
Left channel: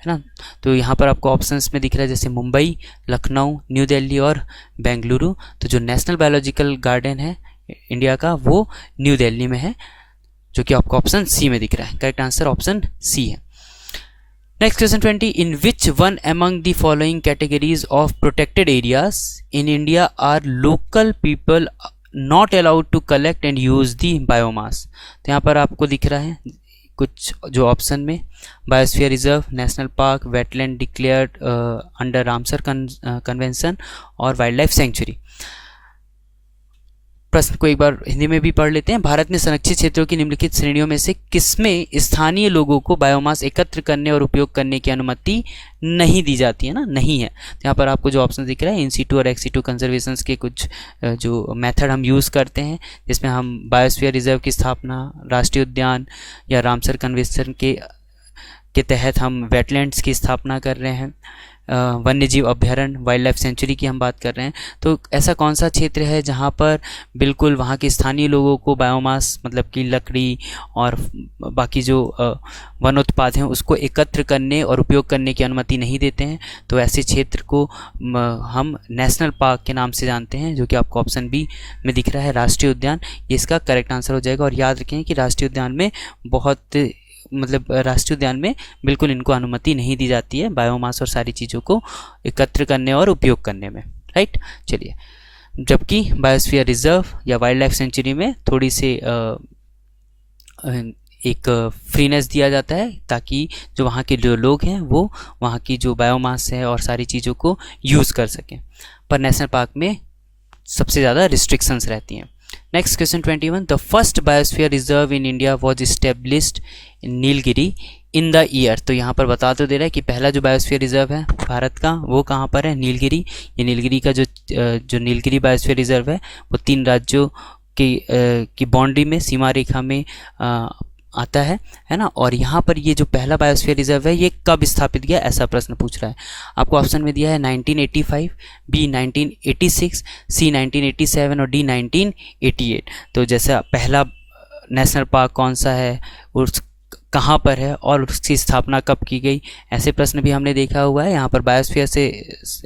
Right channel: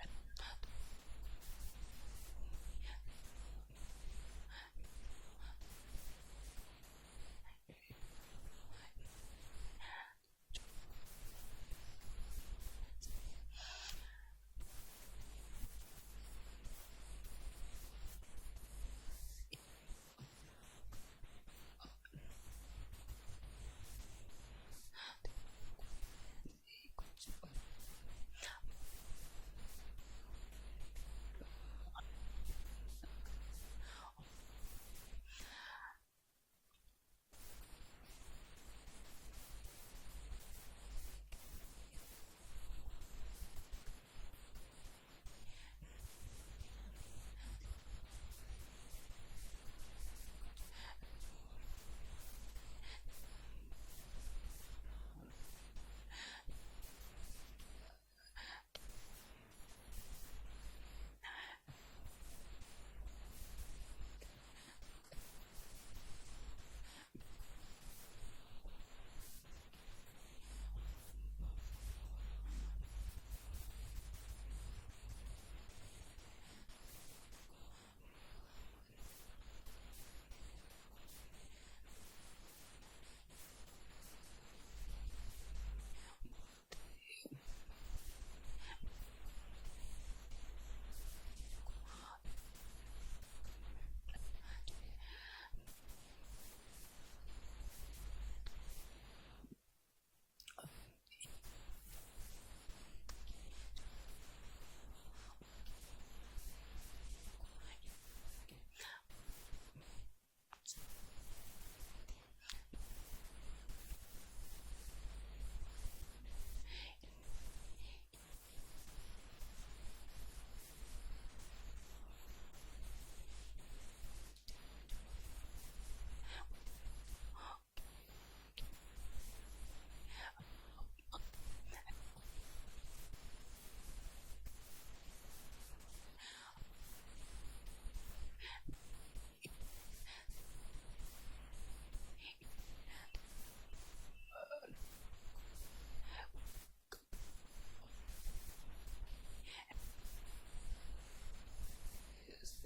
है ना। तो यहाँ पर आपको ऑप्शंस में दिख रहा है जैसे मुंबई, लखनऊ, न्यू दिल्ली और बेंगलुरु। तो जो नेशनल बायोलॉजिकल गार्डन है इंडिया का वो न्यू दिल्ली में है, जो कि आपको ऑप्शन सी में दिख रहा है। करेक्ट आंसर ऑप्शन सी है। Next question 20, in which one among the following categories of protected areas in India are local people not allowed to collect and use the biomass. तो यहाँ पर आपको दिख रहा है कुछ जो ऑप्शन में, biosphere reserve, national park, wetland declared under Ramsar convention और वाइल्ड लाइफ सेंचुरी। प्रश्न को एक बार हिंदी में भी पढ़ लेते हैं। भारत में संरक्षित क्षेत्रों की निम्नलिखित श्रेणियों में से किसमें स्थानीय लोगों को बायोमास एकत्र करने और उपयोग करने की अनुमति नहीं दी जाती है ना, नहीं है। तो यहाँ पर आपको जो ऑप्शन दिख रहा है इन सीटू और एक्स सीटू कंजर्वेशन के कुछ जो मेथड हम यूज़ करते हैं, जिसमें हम बायोस्फीयर रिजर्व की स्थापना, राष्ट्रीय उद्यान या रामसर कन्वेंशन के तहत हम वेटलैंड्स की स्थापना कर रहे हैं, वन्यजीव अभ्यारण्य, वाइल्ड लाइफ सेंचुरी की हम बात कर रहे हैं। तो ऐसा कौन सा क्षेत्र है जहाँ पर बिल्कुल वहाँ के स्थानीय लोगों को बायोमास मतलब कि लकड़ी और बाकी जो वन उत्पाद हैं उसको एकत्र करने और उपयोग करने की अनुमति नहीं देते हैं? तो ऐसे क्षेत्र को हम नेशनल पार्क के नाम से जानते हैं, जो कि आपको ऑप्शन बी में दिख रहा है, राष्ट्रीय उद्यान। ये इसका करेक्ट आंसर हो जाएगा। और याद रखें कि राष्ट्रीय उद्यान में राष्ट्रीय उद्यान में बिल्कुल इनको अनुमति नहीं दी जाती है बायोमास और सारी चीज़ों को एकत्र करने और उपयोग करने में, राइट। चलिए, जबकि बायोस्फीयर रिजर्व या वाइल्ड लाइफ सेंचुरी में थोड़ी सी एक फ्रीनेस दिया जाता है ताकि जो वहाँ के जो लोग हैं वो वहाँ की जो बायोमास है और सारी चीज़ों को यूज़ कर सकें। पर नेशनल पार्क में सबसे ज़्यादा रिस्ट्रिक्शंस रहती हैं। Next question 21, the first biosphere reserve in India was established in Nilgiri in the year. तो यहाँ पर बता तो दे रहा है कि पहला जो बायोस्फीयर रिजर्व है भारत का वो कहाँ पर है, नीलगिरी। ये नीलगिरी का जो नीलगिरी बायोस्फीयर रिजर्व है वो 3 राज्यों की बाउंड्री में, सीमा रेखा में आता है ना। और यहाँ पर ये जो पहला बायोस्फीयर रिजर्व है ये कब स्थापित किया, ऐसा प्रश्न पूछ रहा है। आपको ऑप्शन में दिया है 1985, बी 1986, सी 1987 और डी 1988। तो जैसा पहला नेशनल पार्क कौन सा है, उस कहाँ पर है और उसकी स्थापना कब की गई, ऐसे प्रश्न भी हमने देखा हुआ है। यहाँ पर बायोस्फीयर से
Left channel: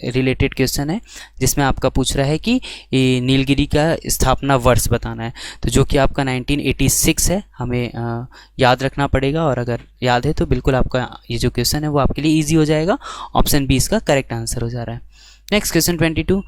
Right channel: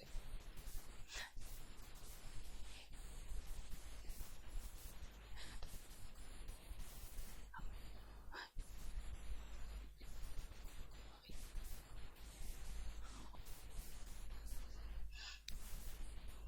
रिलेटेड क्वेश्चन है जिसमें आपका पूछ रहा है कि नीलगिरी का स्थापना वर्ष बताना है, तो जो कि आपका 1986 है, हमें याद रखना पड़ेगा। और अगर याद है तो बिल्कुल आपका ये जो क्वेश्चन है वो आपके लिए ईजी हो जाएगा। ऑप्शन बी इसका करेक्ट आंसर हो जा रहा है। Next question 22,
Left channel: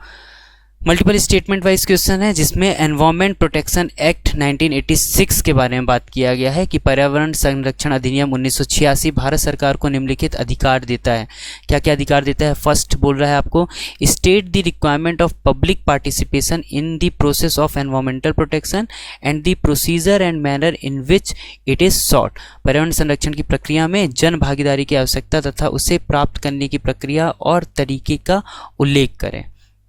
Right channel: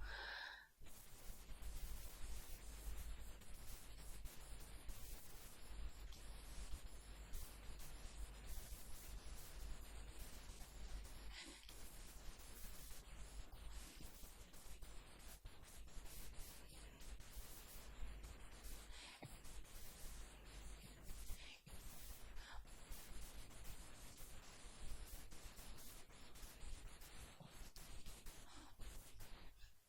multiple statement wise question है जिसमें एनवायरमेंट प्रोटेक्शन एक्ट 1986 के बारे में बात किया गया है कि पर्यावरण संरक्षण अधिनियम 1986 भारत सरकार को निम्नलिखित अधिकार देता है। क्या क्या अधिकार देता है? फर्स्ट बोल रहा है आपको, state the requirement of public participation in the process of environmental protection and the procedure and manner in which it is sought. पर्यावरण संरक्षण की प्रक्रिया में जन भागीदारी की आवश्यकता तथा उसे प्राप्त करने की प्रक्रिया और तरीके का उल्लेख करें।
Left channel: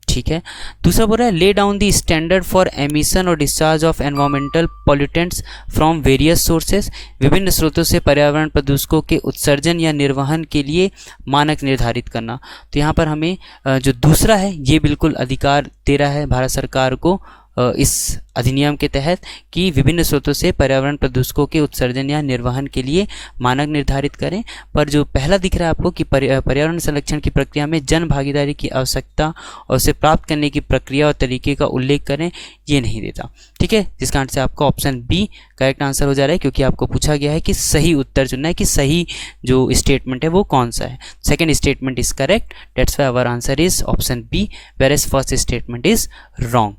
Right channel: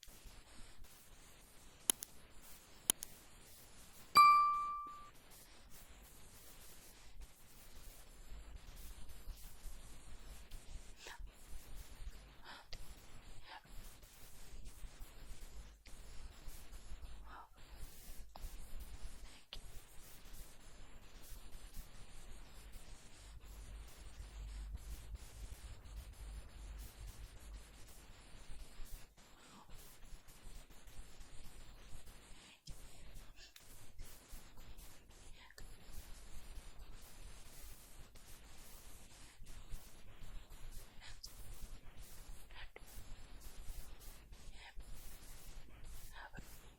ठीक है। दूसरा बोल रहा है, lay down the standard for emission और discharge of environmental pollutants from various sources. विभिन्न स्रोतों से पर्यावरण प्रदूषकों के उत्सर्जन या निर्वहन के लिए मानक निर्धारित करना। तो यहाँ पर हमें जो दूसरा है ये बिल्कुल अधिकार दे रहा है भारत सरकार को इस अधिनियम के तहत कि विभिन्न स्रोतों से पर्यावरण प्रदूषकों के उत्सर्जन या निर्वहन के लिए मानक निर्धारित करें। पर जो पहला दिख रहा है आपको कि पर्यावरण संरक्षण की प्रक्रिया में जन भागीदारी की आवश्यकता और उसे प्राप्त करने की प्रक्रिया और तरीके का उल्लेख करें, ये नहीं देता। ठीक है, जिस कारण से आपका ऑप्शन बी करेक्ट आंसर हो जा रहा है, क्योंकि आपको पूछा गया है कि सही उत्तर चुनना है कि सही जो स्टेटमेंट है वो कौन सा है। Second statement is correct, that's why our answer is option B, where as first statement is wrong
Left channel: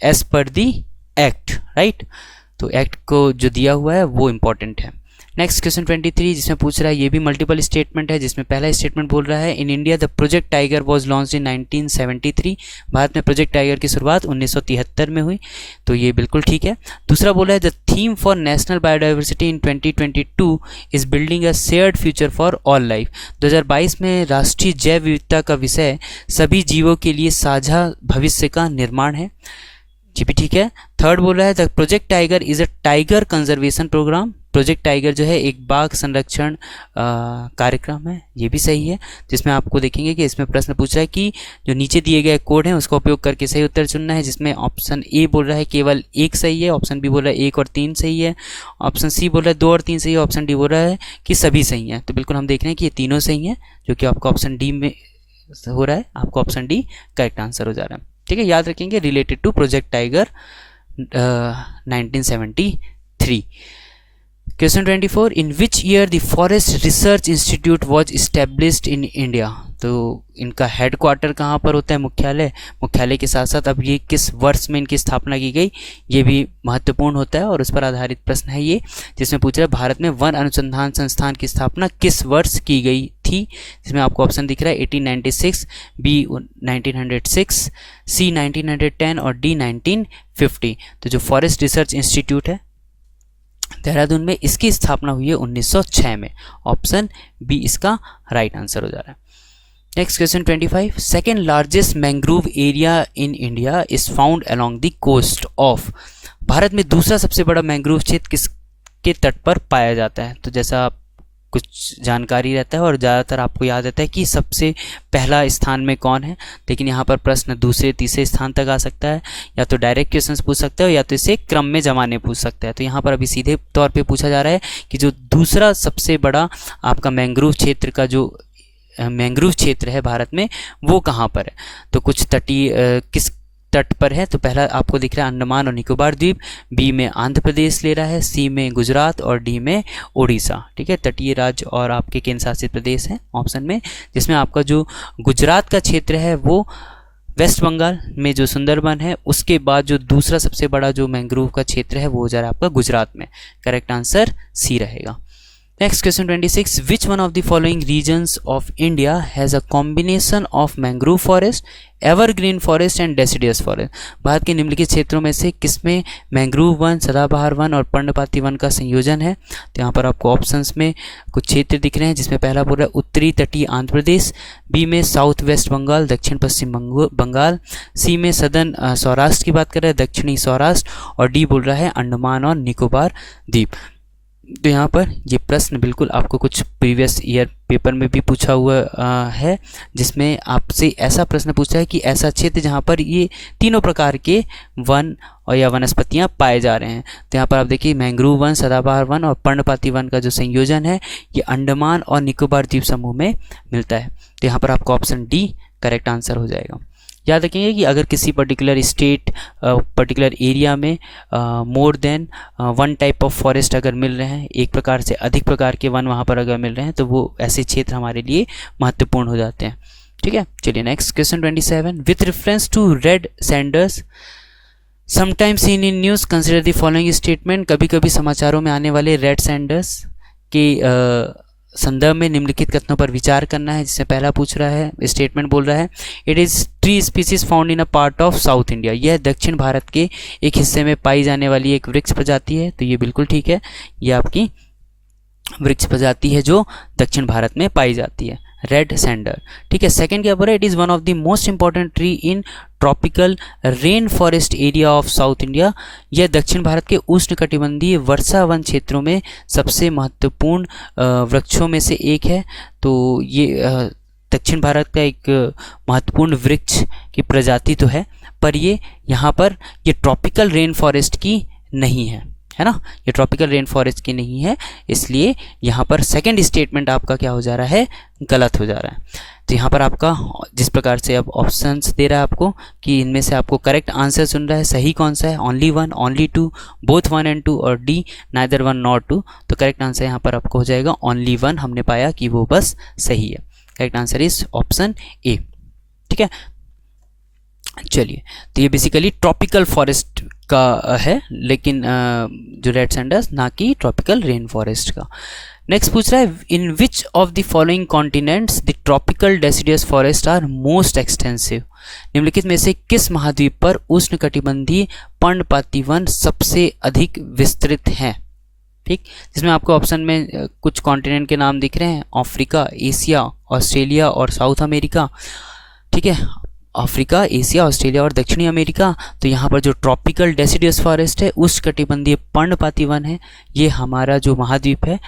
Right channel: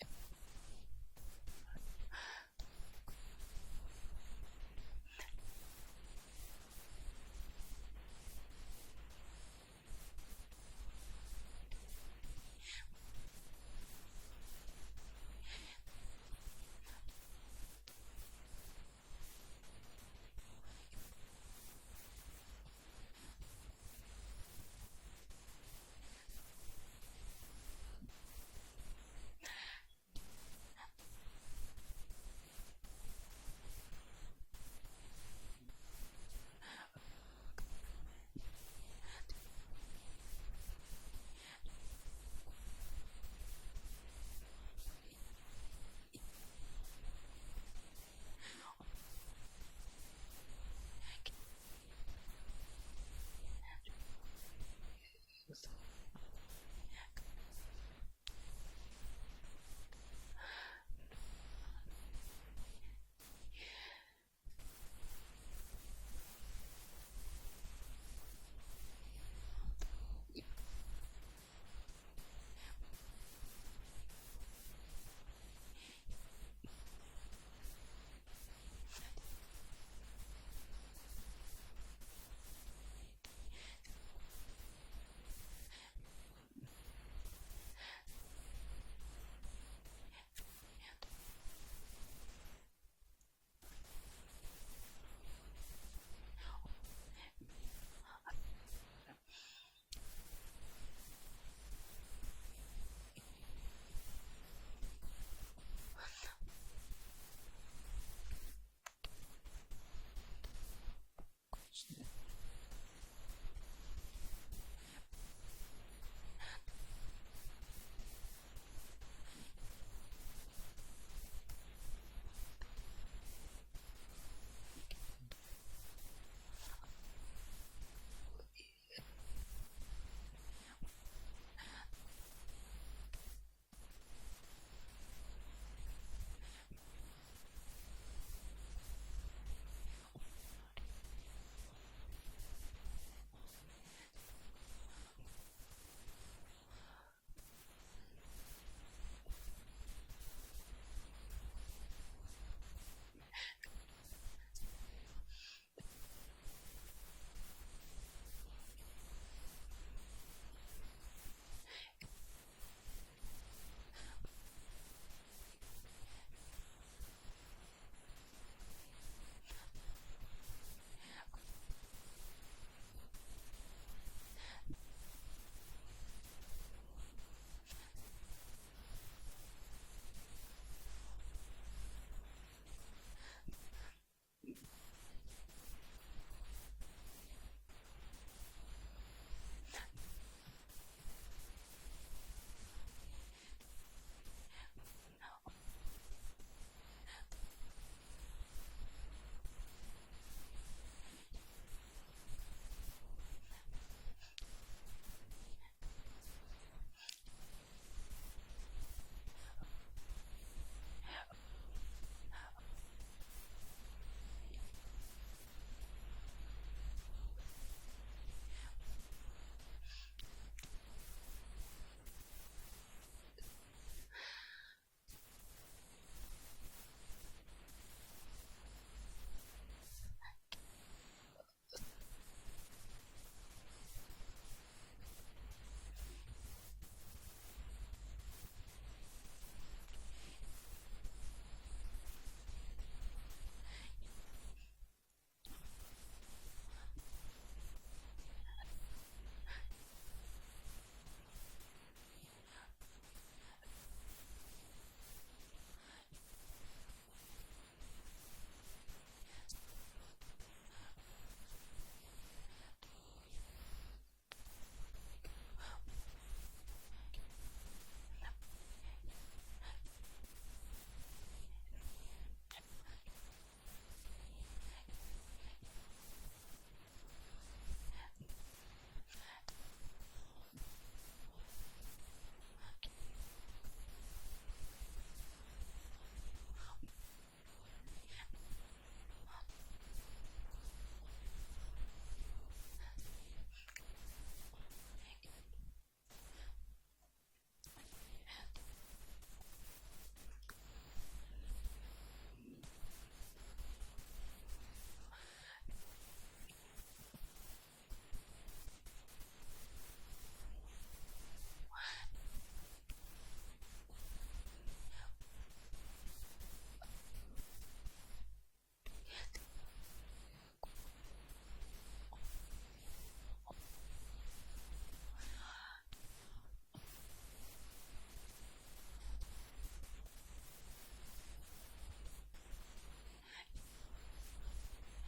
as per the act, right. तो एक्ट को जो दिया हुआ है वो इंपॉर्टेंट है। नेक्स्ट क्वेश्चन 23 जिसमें पूछ रहा है, ये भी मल्टीपल स्टेटमेंट है, जिसमें पहला स्टेटमेंट बोल रहा है, in India the project tiger was launched in 1973। Bharat में प्रोजेक्ट टाइगर की शुरुआत 1973 में हुई, तो ये बिल्कुल ठीक है। दूसरा बोला है, the theme for national biodiversity in 2022 is building a shared future for all life. 2022 में राष्ट्रीय जैव विविधता का विषय सभी जीवों के लिए साझा भविष्य का निर्माण है, जी भी ठीक है। थर्ड बोल रहा है, the project tiger is a tiger conservation program project tiger जो है एक बाघ संरक्षण कार्यक्रम है, ये भी सही है, जिसमें आपको देखेंगे कि इसमें प्रश्न पूछ रहा है कि जो नीचे दिए गए कोड हैं उसका उपयोग करके सही उत्तर चुनना है, जिसमें ऑप्शन ए बोल रहा है केवल 1 सही है, ऑप्शन बी बोल रहा है 1 और 3 सही है, ऑप्शन सी बोल रहा है 2 और 3 सही है, ऑप्शन डी बोल रहा है कि सभी सही हैं। तो बिल्कुल हम देख रहे हैं कि ये तीनों सही हैं, जो कि आपका ऑप्शन डी में हो रहा है, आपको ऑप्शन डी करेक्ट आंसर हो जा रहा है। ठीक है, याद रखेंगे related to project tiger 1973। Question 24, in which year the forest research institute was established in India. तो इनका हेड क्वार्टर कहाँ पर होता है, मुख्यालय के साथ साथ अब ये किस वर्ष में इनकी स्थापना की गई, ये भी महत्वपूर्ण होता है और उस पर आधारित प्रश्न है ये, जिसमें पूछ रहा है भारत में वन अनुसंधान संस्थान की स्थापना किस वर्ष की गई थी, जिसमें आपको ऑप्शन दिख रहा है 1896, बी 1906, सी 1910 और डी 1950। तो जो फॉरेस्ट रिसर्च इंस्टीट्यूट है देहरादून में, इसकी स्थापना हुई है 1906 में, ऑप्शन बी इसका राइट आंसर हो जा रहा है। Next question 25, second largest mangrove area in India is found along the coast of. Bharat में दूसरा सबसे बड़ा मैंग्रोव क्षेत्र किसके तट पर पाया जाता है। तो जैसा कुछ जानकारी रहता है और ज़्यादातर आपको याद रहता है कि सबसे पहला स्थान में कौन है, लेकिन यहाँ पर प्रश्न दूसरे तीसरे स्थान तक आ सकता है, या तो डायरेक्ट क्वेश्चंस पूछ सकता है या तो इसे क्रम में जमाने पूछ सकता है। तो यहाँ पर अभी सीधे तौर पे पूछा जा रहा है कि जो दूसरा सबसे बड़ा आपका मैंग्रोव क्षेत्र का जो मैंग्रोव क्षेत्र है भारत में वो कहाँ पर है। तो कुछ तटीय किस तट पर है, तो पहला आपको दिख रहा है अंडमान और निकोबार द्वीप, बी में आंध्र प्रदेश ले रहा है, सी में गुजरात और डी में उड़ीसा। ठीक है, तटीय राज्य और आपके केंद्र शासित प्रदेश हैं ऑप्शन में, जिसमें आपका जो गुजरात का क्षेत्र है वो वेस्ट बंगाल में जो सुंदरबन है उसके बाद जो दूसरा सबसे बड़ा जो मैंग्रोव का क्षेत्र है वो हो जा रहा है आपका गुजरात में। करेक्ट आंसर सी रहेगा। Next question 26, which one of the following regions of India has a combination of mangrove forest, evergreen forest and deciduous forest। Bharat के निम्नलिखित क्षेत्रों में से किसमें मैंग्रोव वन, सदाबहार वन और पर्णपाती वन का संयोजन है। तो यहाँ पर आपको ऑप्शंस में कुछ क्षेत्र दिख रहे हैं, जिसमें पहला बोल रहा है उत्तरी तटीय आंध्र प्रदेश, बी में साउथ वेस्ट बंगाल, दक्षिण पश्चिम बंगाल, सी में सदर्न सौराष्ट्र की बात कर रहा है, दक्षिणी सौराष्ट्र, और डी बोल रहा है अंडमान और निकोबार द्वीप। तो यहाँ पर ये प्रश्न बिल्कुल आपको कुछ प्रीवियस ईयर पेपर में भी पूछा हुआ है, जिसमें आपसे ऐसा प्रश्न पूछा है कि ऐसा क्षेत्र जहाँ पर ये तीनों प्रकार के वन और या वनस्पतियाँ पाए जा रहे हैं। तो यहाँ पर आप देखिए मैंग्रोव वन, सदाबहार वन और पर्णपाती वन का जो संयोजन है ये अंडमान और निकोबार द्वीप समूह में मिलता है। तो यहाँ पर आपका ऑप्शन डी करेक्ट आंसर हो जाएगा। याद रखेंगे कि अगर किसी पर्टिकुलर स्टेट पर्टिकुलर एरिया में more than one type of forest अगर मिल रहे हैं, एक प्रकार से अधिक प्रकार के वन वहाँ पर अगर मिल रहे हैं, तो वो ऐसे क्षेत्र हमारे लिए महत्वपूर्ण हो जाते हैं। ठीक है, चलिए next question 27, with reference to red sanders sometimes seen in news consider the following statement. कभी कभी समाचारों में आने वाले रेड सैंडर्स के संदर्भ में निम्नलिखित कथनों पर विचार करना है। जिससे पहला पूछ रहा है, स्टेटमेंट बोल रहा है it is tree species found in a part of south India. यह दक्षिण भारत के एक हिस्से में पाई जाने वाली एक वृक्ष प्रजाति है। तो ये बिल्कुल ठीक है, ये आपकी वृक्ष प्रजाति है जो दक्षिण भारत में पाई जाती है, रेड सैंडर। ठीक है, सेकंड क्या बोल रहा है, it is one of the most important tree in tropical rain forest area of south India. यह दक्षिण भारत के उष्णकटिबंधीय वर्षा वन क्षेत्रों में सबसे महत्वपूर्ण वृक्षों में से एक है। तो ये दक्षिण भारत का एक महत्वपूर्ण वृक्ष की प्रजाति तो है, पर ये यहाँ पर ये ट्रॉपिकल रेन फॉरेस्ट की नहीं है ना, ये ट्रॉपिकल रेन फॉरेस्ट की नहीं है, इसलिए यहाँ पर सेकंड स्टेटमेंट आपका क्या हो जा रहा है, गलत हो जा रहा है। तो यहाँ पर आपका जिस प्रकार से अब ऑप्शंस दे रहा है आपको कि इनमें से आपको करेक्ट आंसर सुन रहा है, सही कौन सा है, only one, only two, both 1 and 2 और डी नाइदर 1 nor 2। तो करेक्ट आंसर यहाँ पर आपको हो जाएगा ओनली वन, हमने पाया कि वो बस सही है। Correct answer is option A. ठीक है, चलिए, तो ये बेसिकली ट्रॉपिकल फॉरेस्ट का है, लेकिन जो रेड सैंडर्स ना कि ट्रॉपिकल रेन फॉरेस्ट का। नेक्स्ट पूछ रहा है, in which of the following continents the tropical deciduous forest are most extensive. निम्नलिखित में से किस महाद्वीप पर उष्णकटिबंधीय पर्णपाती वन सबसे अधिक विस्तृत हैं। ठीक, जिसमें आपको ऑप्शन में कुछ कॉन्टिनेंट के नाम दिख रहे हैं, अफ्रीका, एशिया, ऑस्ट्रेलिया और साउथ अमेरिका। ठीक है, अफ्रीका, एशिया, ऑस्ट्रेलिया और दक्षिणी अमेरिका। तो यहाँ पर जो ट्रॉपिकल डेसिडियस फॉरेस्ट है, उष्णकटिबंधीय पर्णपाती वन है, ये हमारा जो महाद्वीप है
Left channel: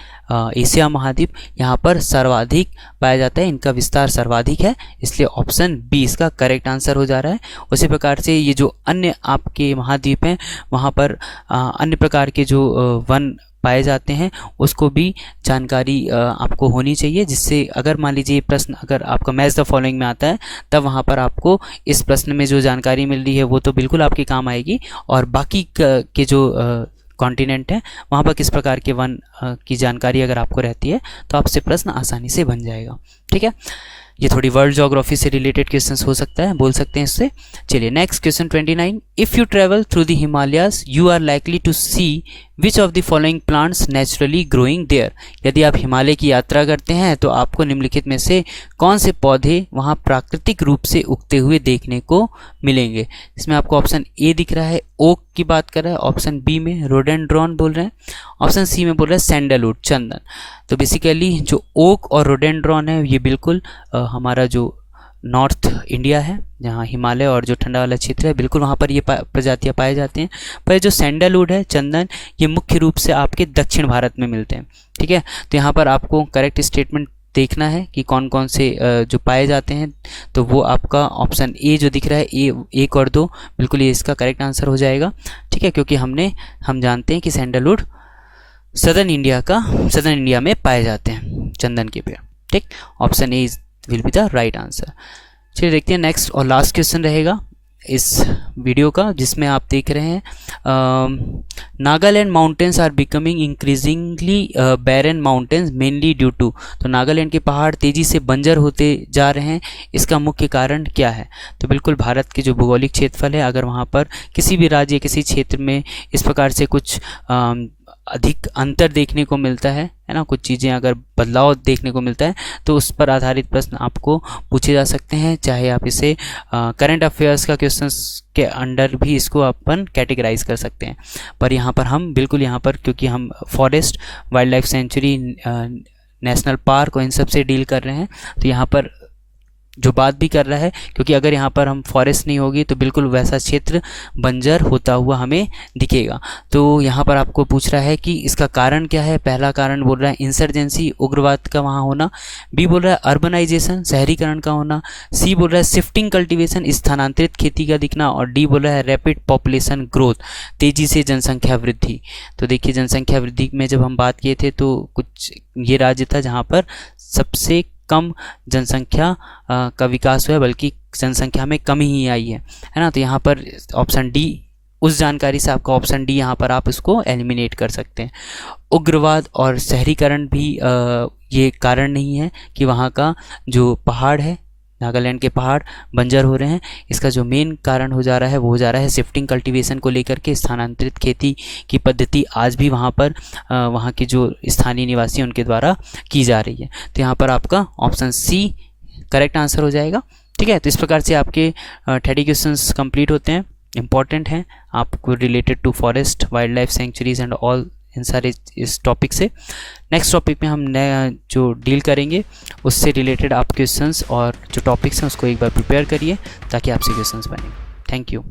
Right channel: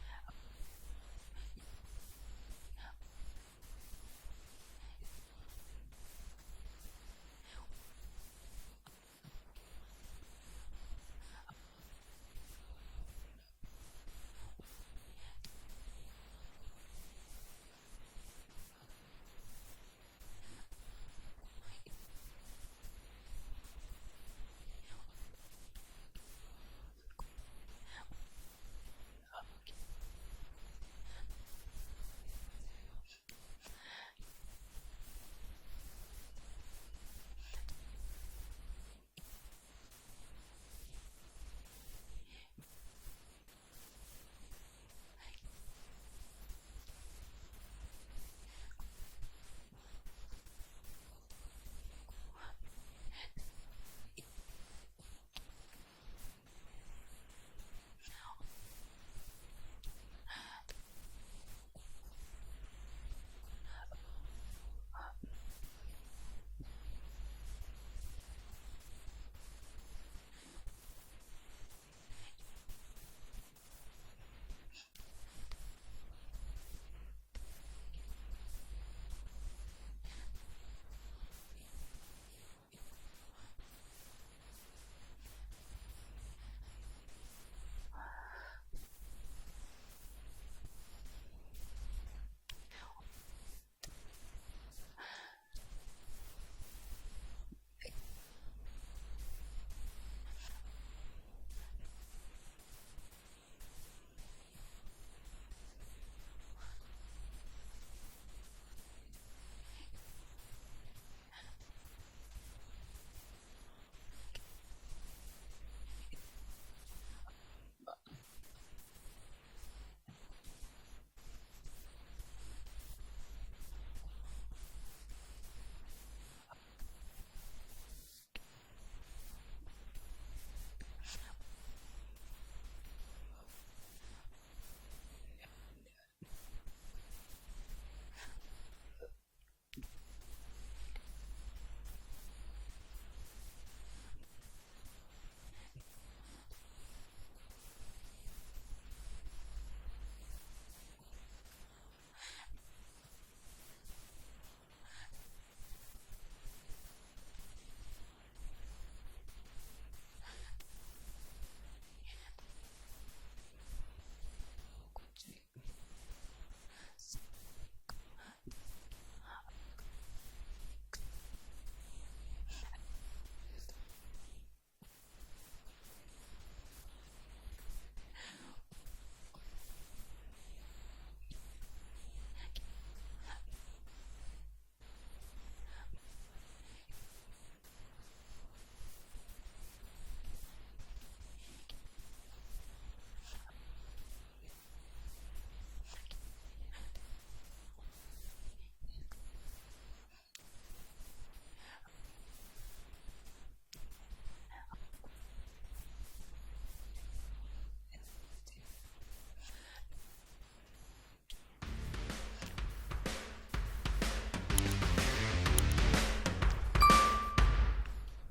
एशिया महाद्वीप, यहाँ पर सर्वाधिक पाया जाता है, इनका विस्तार सर्वाधिक है, इसलिए ऑप्शन बी इसका करेक्ट आंसर हो जा रहा है। उसी प्रकार से ये जो अन्य आपके महाद्वीप हैं वहाँ पर अन्य प्रकार के जो वन पाए जाते हैं उसको भी जानकारी आपको होनी चाहिए, जिससे अगर मान लीजिए प्रश्न अगर आपका मैच द फॉलोइंग में आता है तब वहाँ पर आपको इस प्रश्न में जो जानकारी मिल रही है वो तो बिल्कुल आपके काम आएगी, और बाकी के जो कॉन्टिनेंट है वहाँ पर किस प्रकार के वन की जानकारी अगर आपको रहती है तो आपसे प्रश्न आसानी से बन जाएगा। ठीक है, ये थोड़ी वर्ल्ड ज्योग्राफी से रिलेटेड क्वेश्चंस हो सकता है, बोल सकते हैं इससे। चलिए next question 29, if you travel through the Himalayas you are likely to see which of the following plants naturally growing there. यदि आप हिमालय की यात्रा करते हैं तो आपको निम्नलिखित में से कौन से पौधे वहाँ प्राकृतिक रूप से उगते हुए देखने को मिलेंगे। इसमें आपको ऑप्शन ए दिख रहा है, ओक की बात कर रहा है, ऑप्शन बी में रोडेंड्रॉन बोल रहे हैं, ऑप्शन सी में बोल रहा है सैंडलवुड, चंदन। तो बेसिकली जो ओक और रोडेंड्रॉन है ये बिल्कुल हमारा जो नॉर्थ इंडिया है, जहाँ हिमालय और जो ठंडा वाला क्षेत्र है, बिल्कुल वहाँ पर ये प्रजातियाँ पाए जाते हैं। पर जो सैंडलवुड है, चंदन, ये मुख्य रूप से आपके दक्षिण भारत में मिलते हैं। ठीक है, तो यहाँ पर आपको करेक्ट स्टेटमेंट देखना है कि कौन कौन से जो पाए जाते हैं, तो वो आपका ऑप्शन ए जो दिख रहा है, ए 1 और 2, बिल्कुल ये इसका करेक्ट आंसर हो जाएगा। ठीक है, क्योंकि हम जानते हैं कि सैंडलवुड सदर्न इंडिया में पाए जाते हैं चंदन के पेड़। ठीक, option A will be the right answer. चलिए देखते हैं नेक्स्ट और लास्ट क्वेश्चन रहेगा इस वीडियो का, जिसमें आप देख रहे हैं Nagaland mountains are becoming increasingly barren mountains mainly due to. तो नागालैंड के पहाड़ तेज़ी से बंजर होते जा रहे हैं, इसका मुख्य कारण क्या है। तो बिल्कुल भारत के जो भौगोलिक क्षेत्रफल है, अगर वहाँ पर किसी भी राज्य किसी क्षेत्र में इस प्रकार से कुछ अधिक अंतर देखने को मिलता है ना, कुछ चीज़ें अगर बदलाव देखने को मिलता है तो उस पर आधारित प्रश्न आपको पूछे जा सकते हैं, चाहे आप इसे करंट अफेयर्स का क्वेश्चंस के अंडर भी इसको अपन कैटेगराइज कर सकते हैं। पर यहाँ पर हम बिल्कुल यहाँ पर क्योंकि हम forest, wild life century, national park और इन सब से डील कर रहे हैं, तो यहाँ पर जो बात भी कर रहा है, क्योंकि अगर यहाँ पर हम फॉरेस्ट नहीं होगी तो बिल्कुल वैसा क्षेत्र बंजर होता हुआ हमें दिखेगा। तो यहाँ पर आपको पूछ रहा है कि इसका कारण क्या है। पहला कारण बोल रहा है इंसर्जेंसी, उग्रवाद का वहाँ होना, बी बोल रहा है अर्बनाइजेशन, शहरीकरण का होना, सी बोल रहा है शिफ्टिंग कल्टीवेशन, स्थानांतरित खेती का दिखना, और डी बोल रहा है रैपिड पॉपुलेशन ग्रोथ, तेज़ी से जनसंख्या वृद्धि। तो देखिए जनसंख्या वृद्धि में जब हम बात किए थे तो कुछ ये राज्य था जहाँ पर सबसे कम जनसंख्या का विकास हुआ है, बल्कि जनसंख्या में कमी ही आई है ना। तो यहाँ पर ऑप्शन डी, उस जानकारी से आपका ऑप्शन डी यहाँ पर आप इसको एलिमिनेट कर सकते हैं। उग्रवाद और शहरीकरण भी ये कारण नहीं है कि वहाँ का जो पहाड़ है, नागालैंड के पहाड़ बंजर हो रहे हैं। इसका जो मेन कारण हो जा रहा है वो हो जा रहा है शिफ्टिंग कल्टीवेशन को लेकर के। स्थानांतरित खेती की पद्धति आज भी वहाँ पर वहाँ के जो स्थानीय निवासी उनके द्वारा की जा रही है। तो यहाँ पर आपका ऑप्शन सी करेक्ट आंसर हो जाएगा। ठीक है, तो इस प्रकार से आपके 30 क्वेश्चंस कंप्लीट होते हैं, इंपॉर्टेंट हैं आपको related to forest, wild life sanctuaries and all, इन सारे इस टॉपिक से। नेक्स्ट टॉपिक में हम नया जो डील करेंगे उससे रिलेटेड आप क्वेश्चंस और जो टॉपिक्स हैं उसको एक बार प्रिपेयर करिए ताकि आपसे क्वेश्चंस बने। Thank you.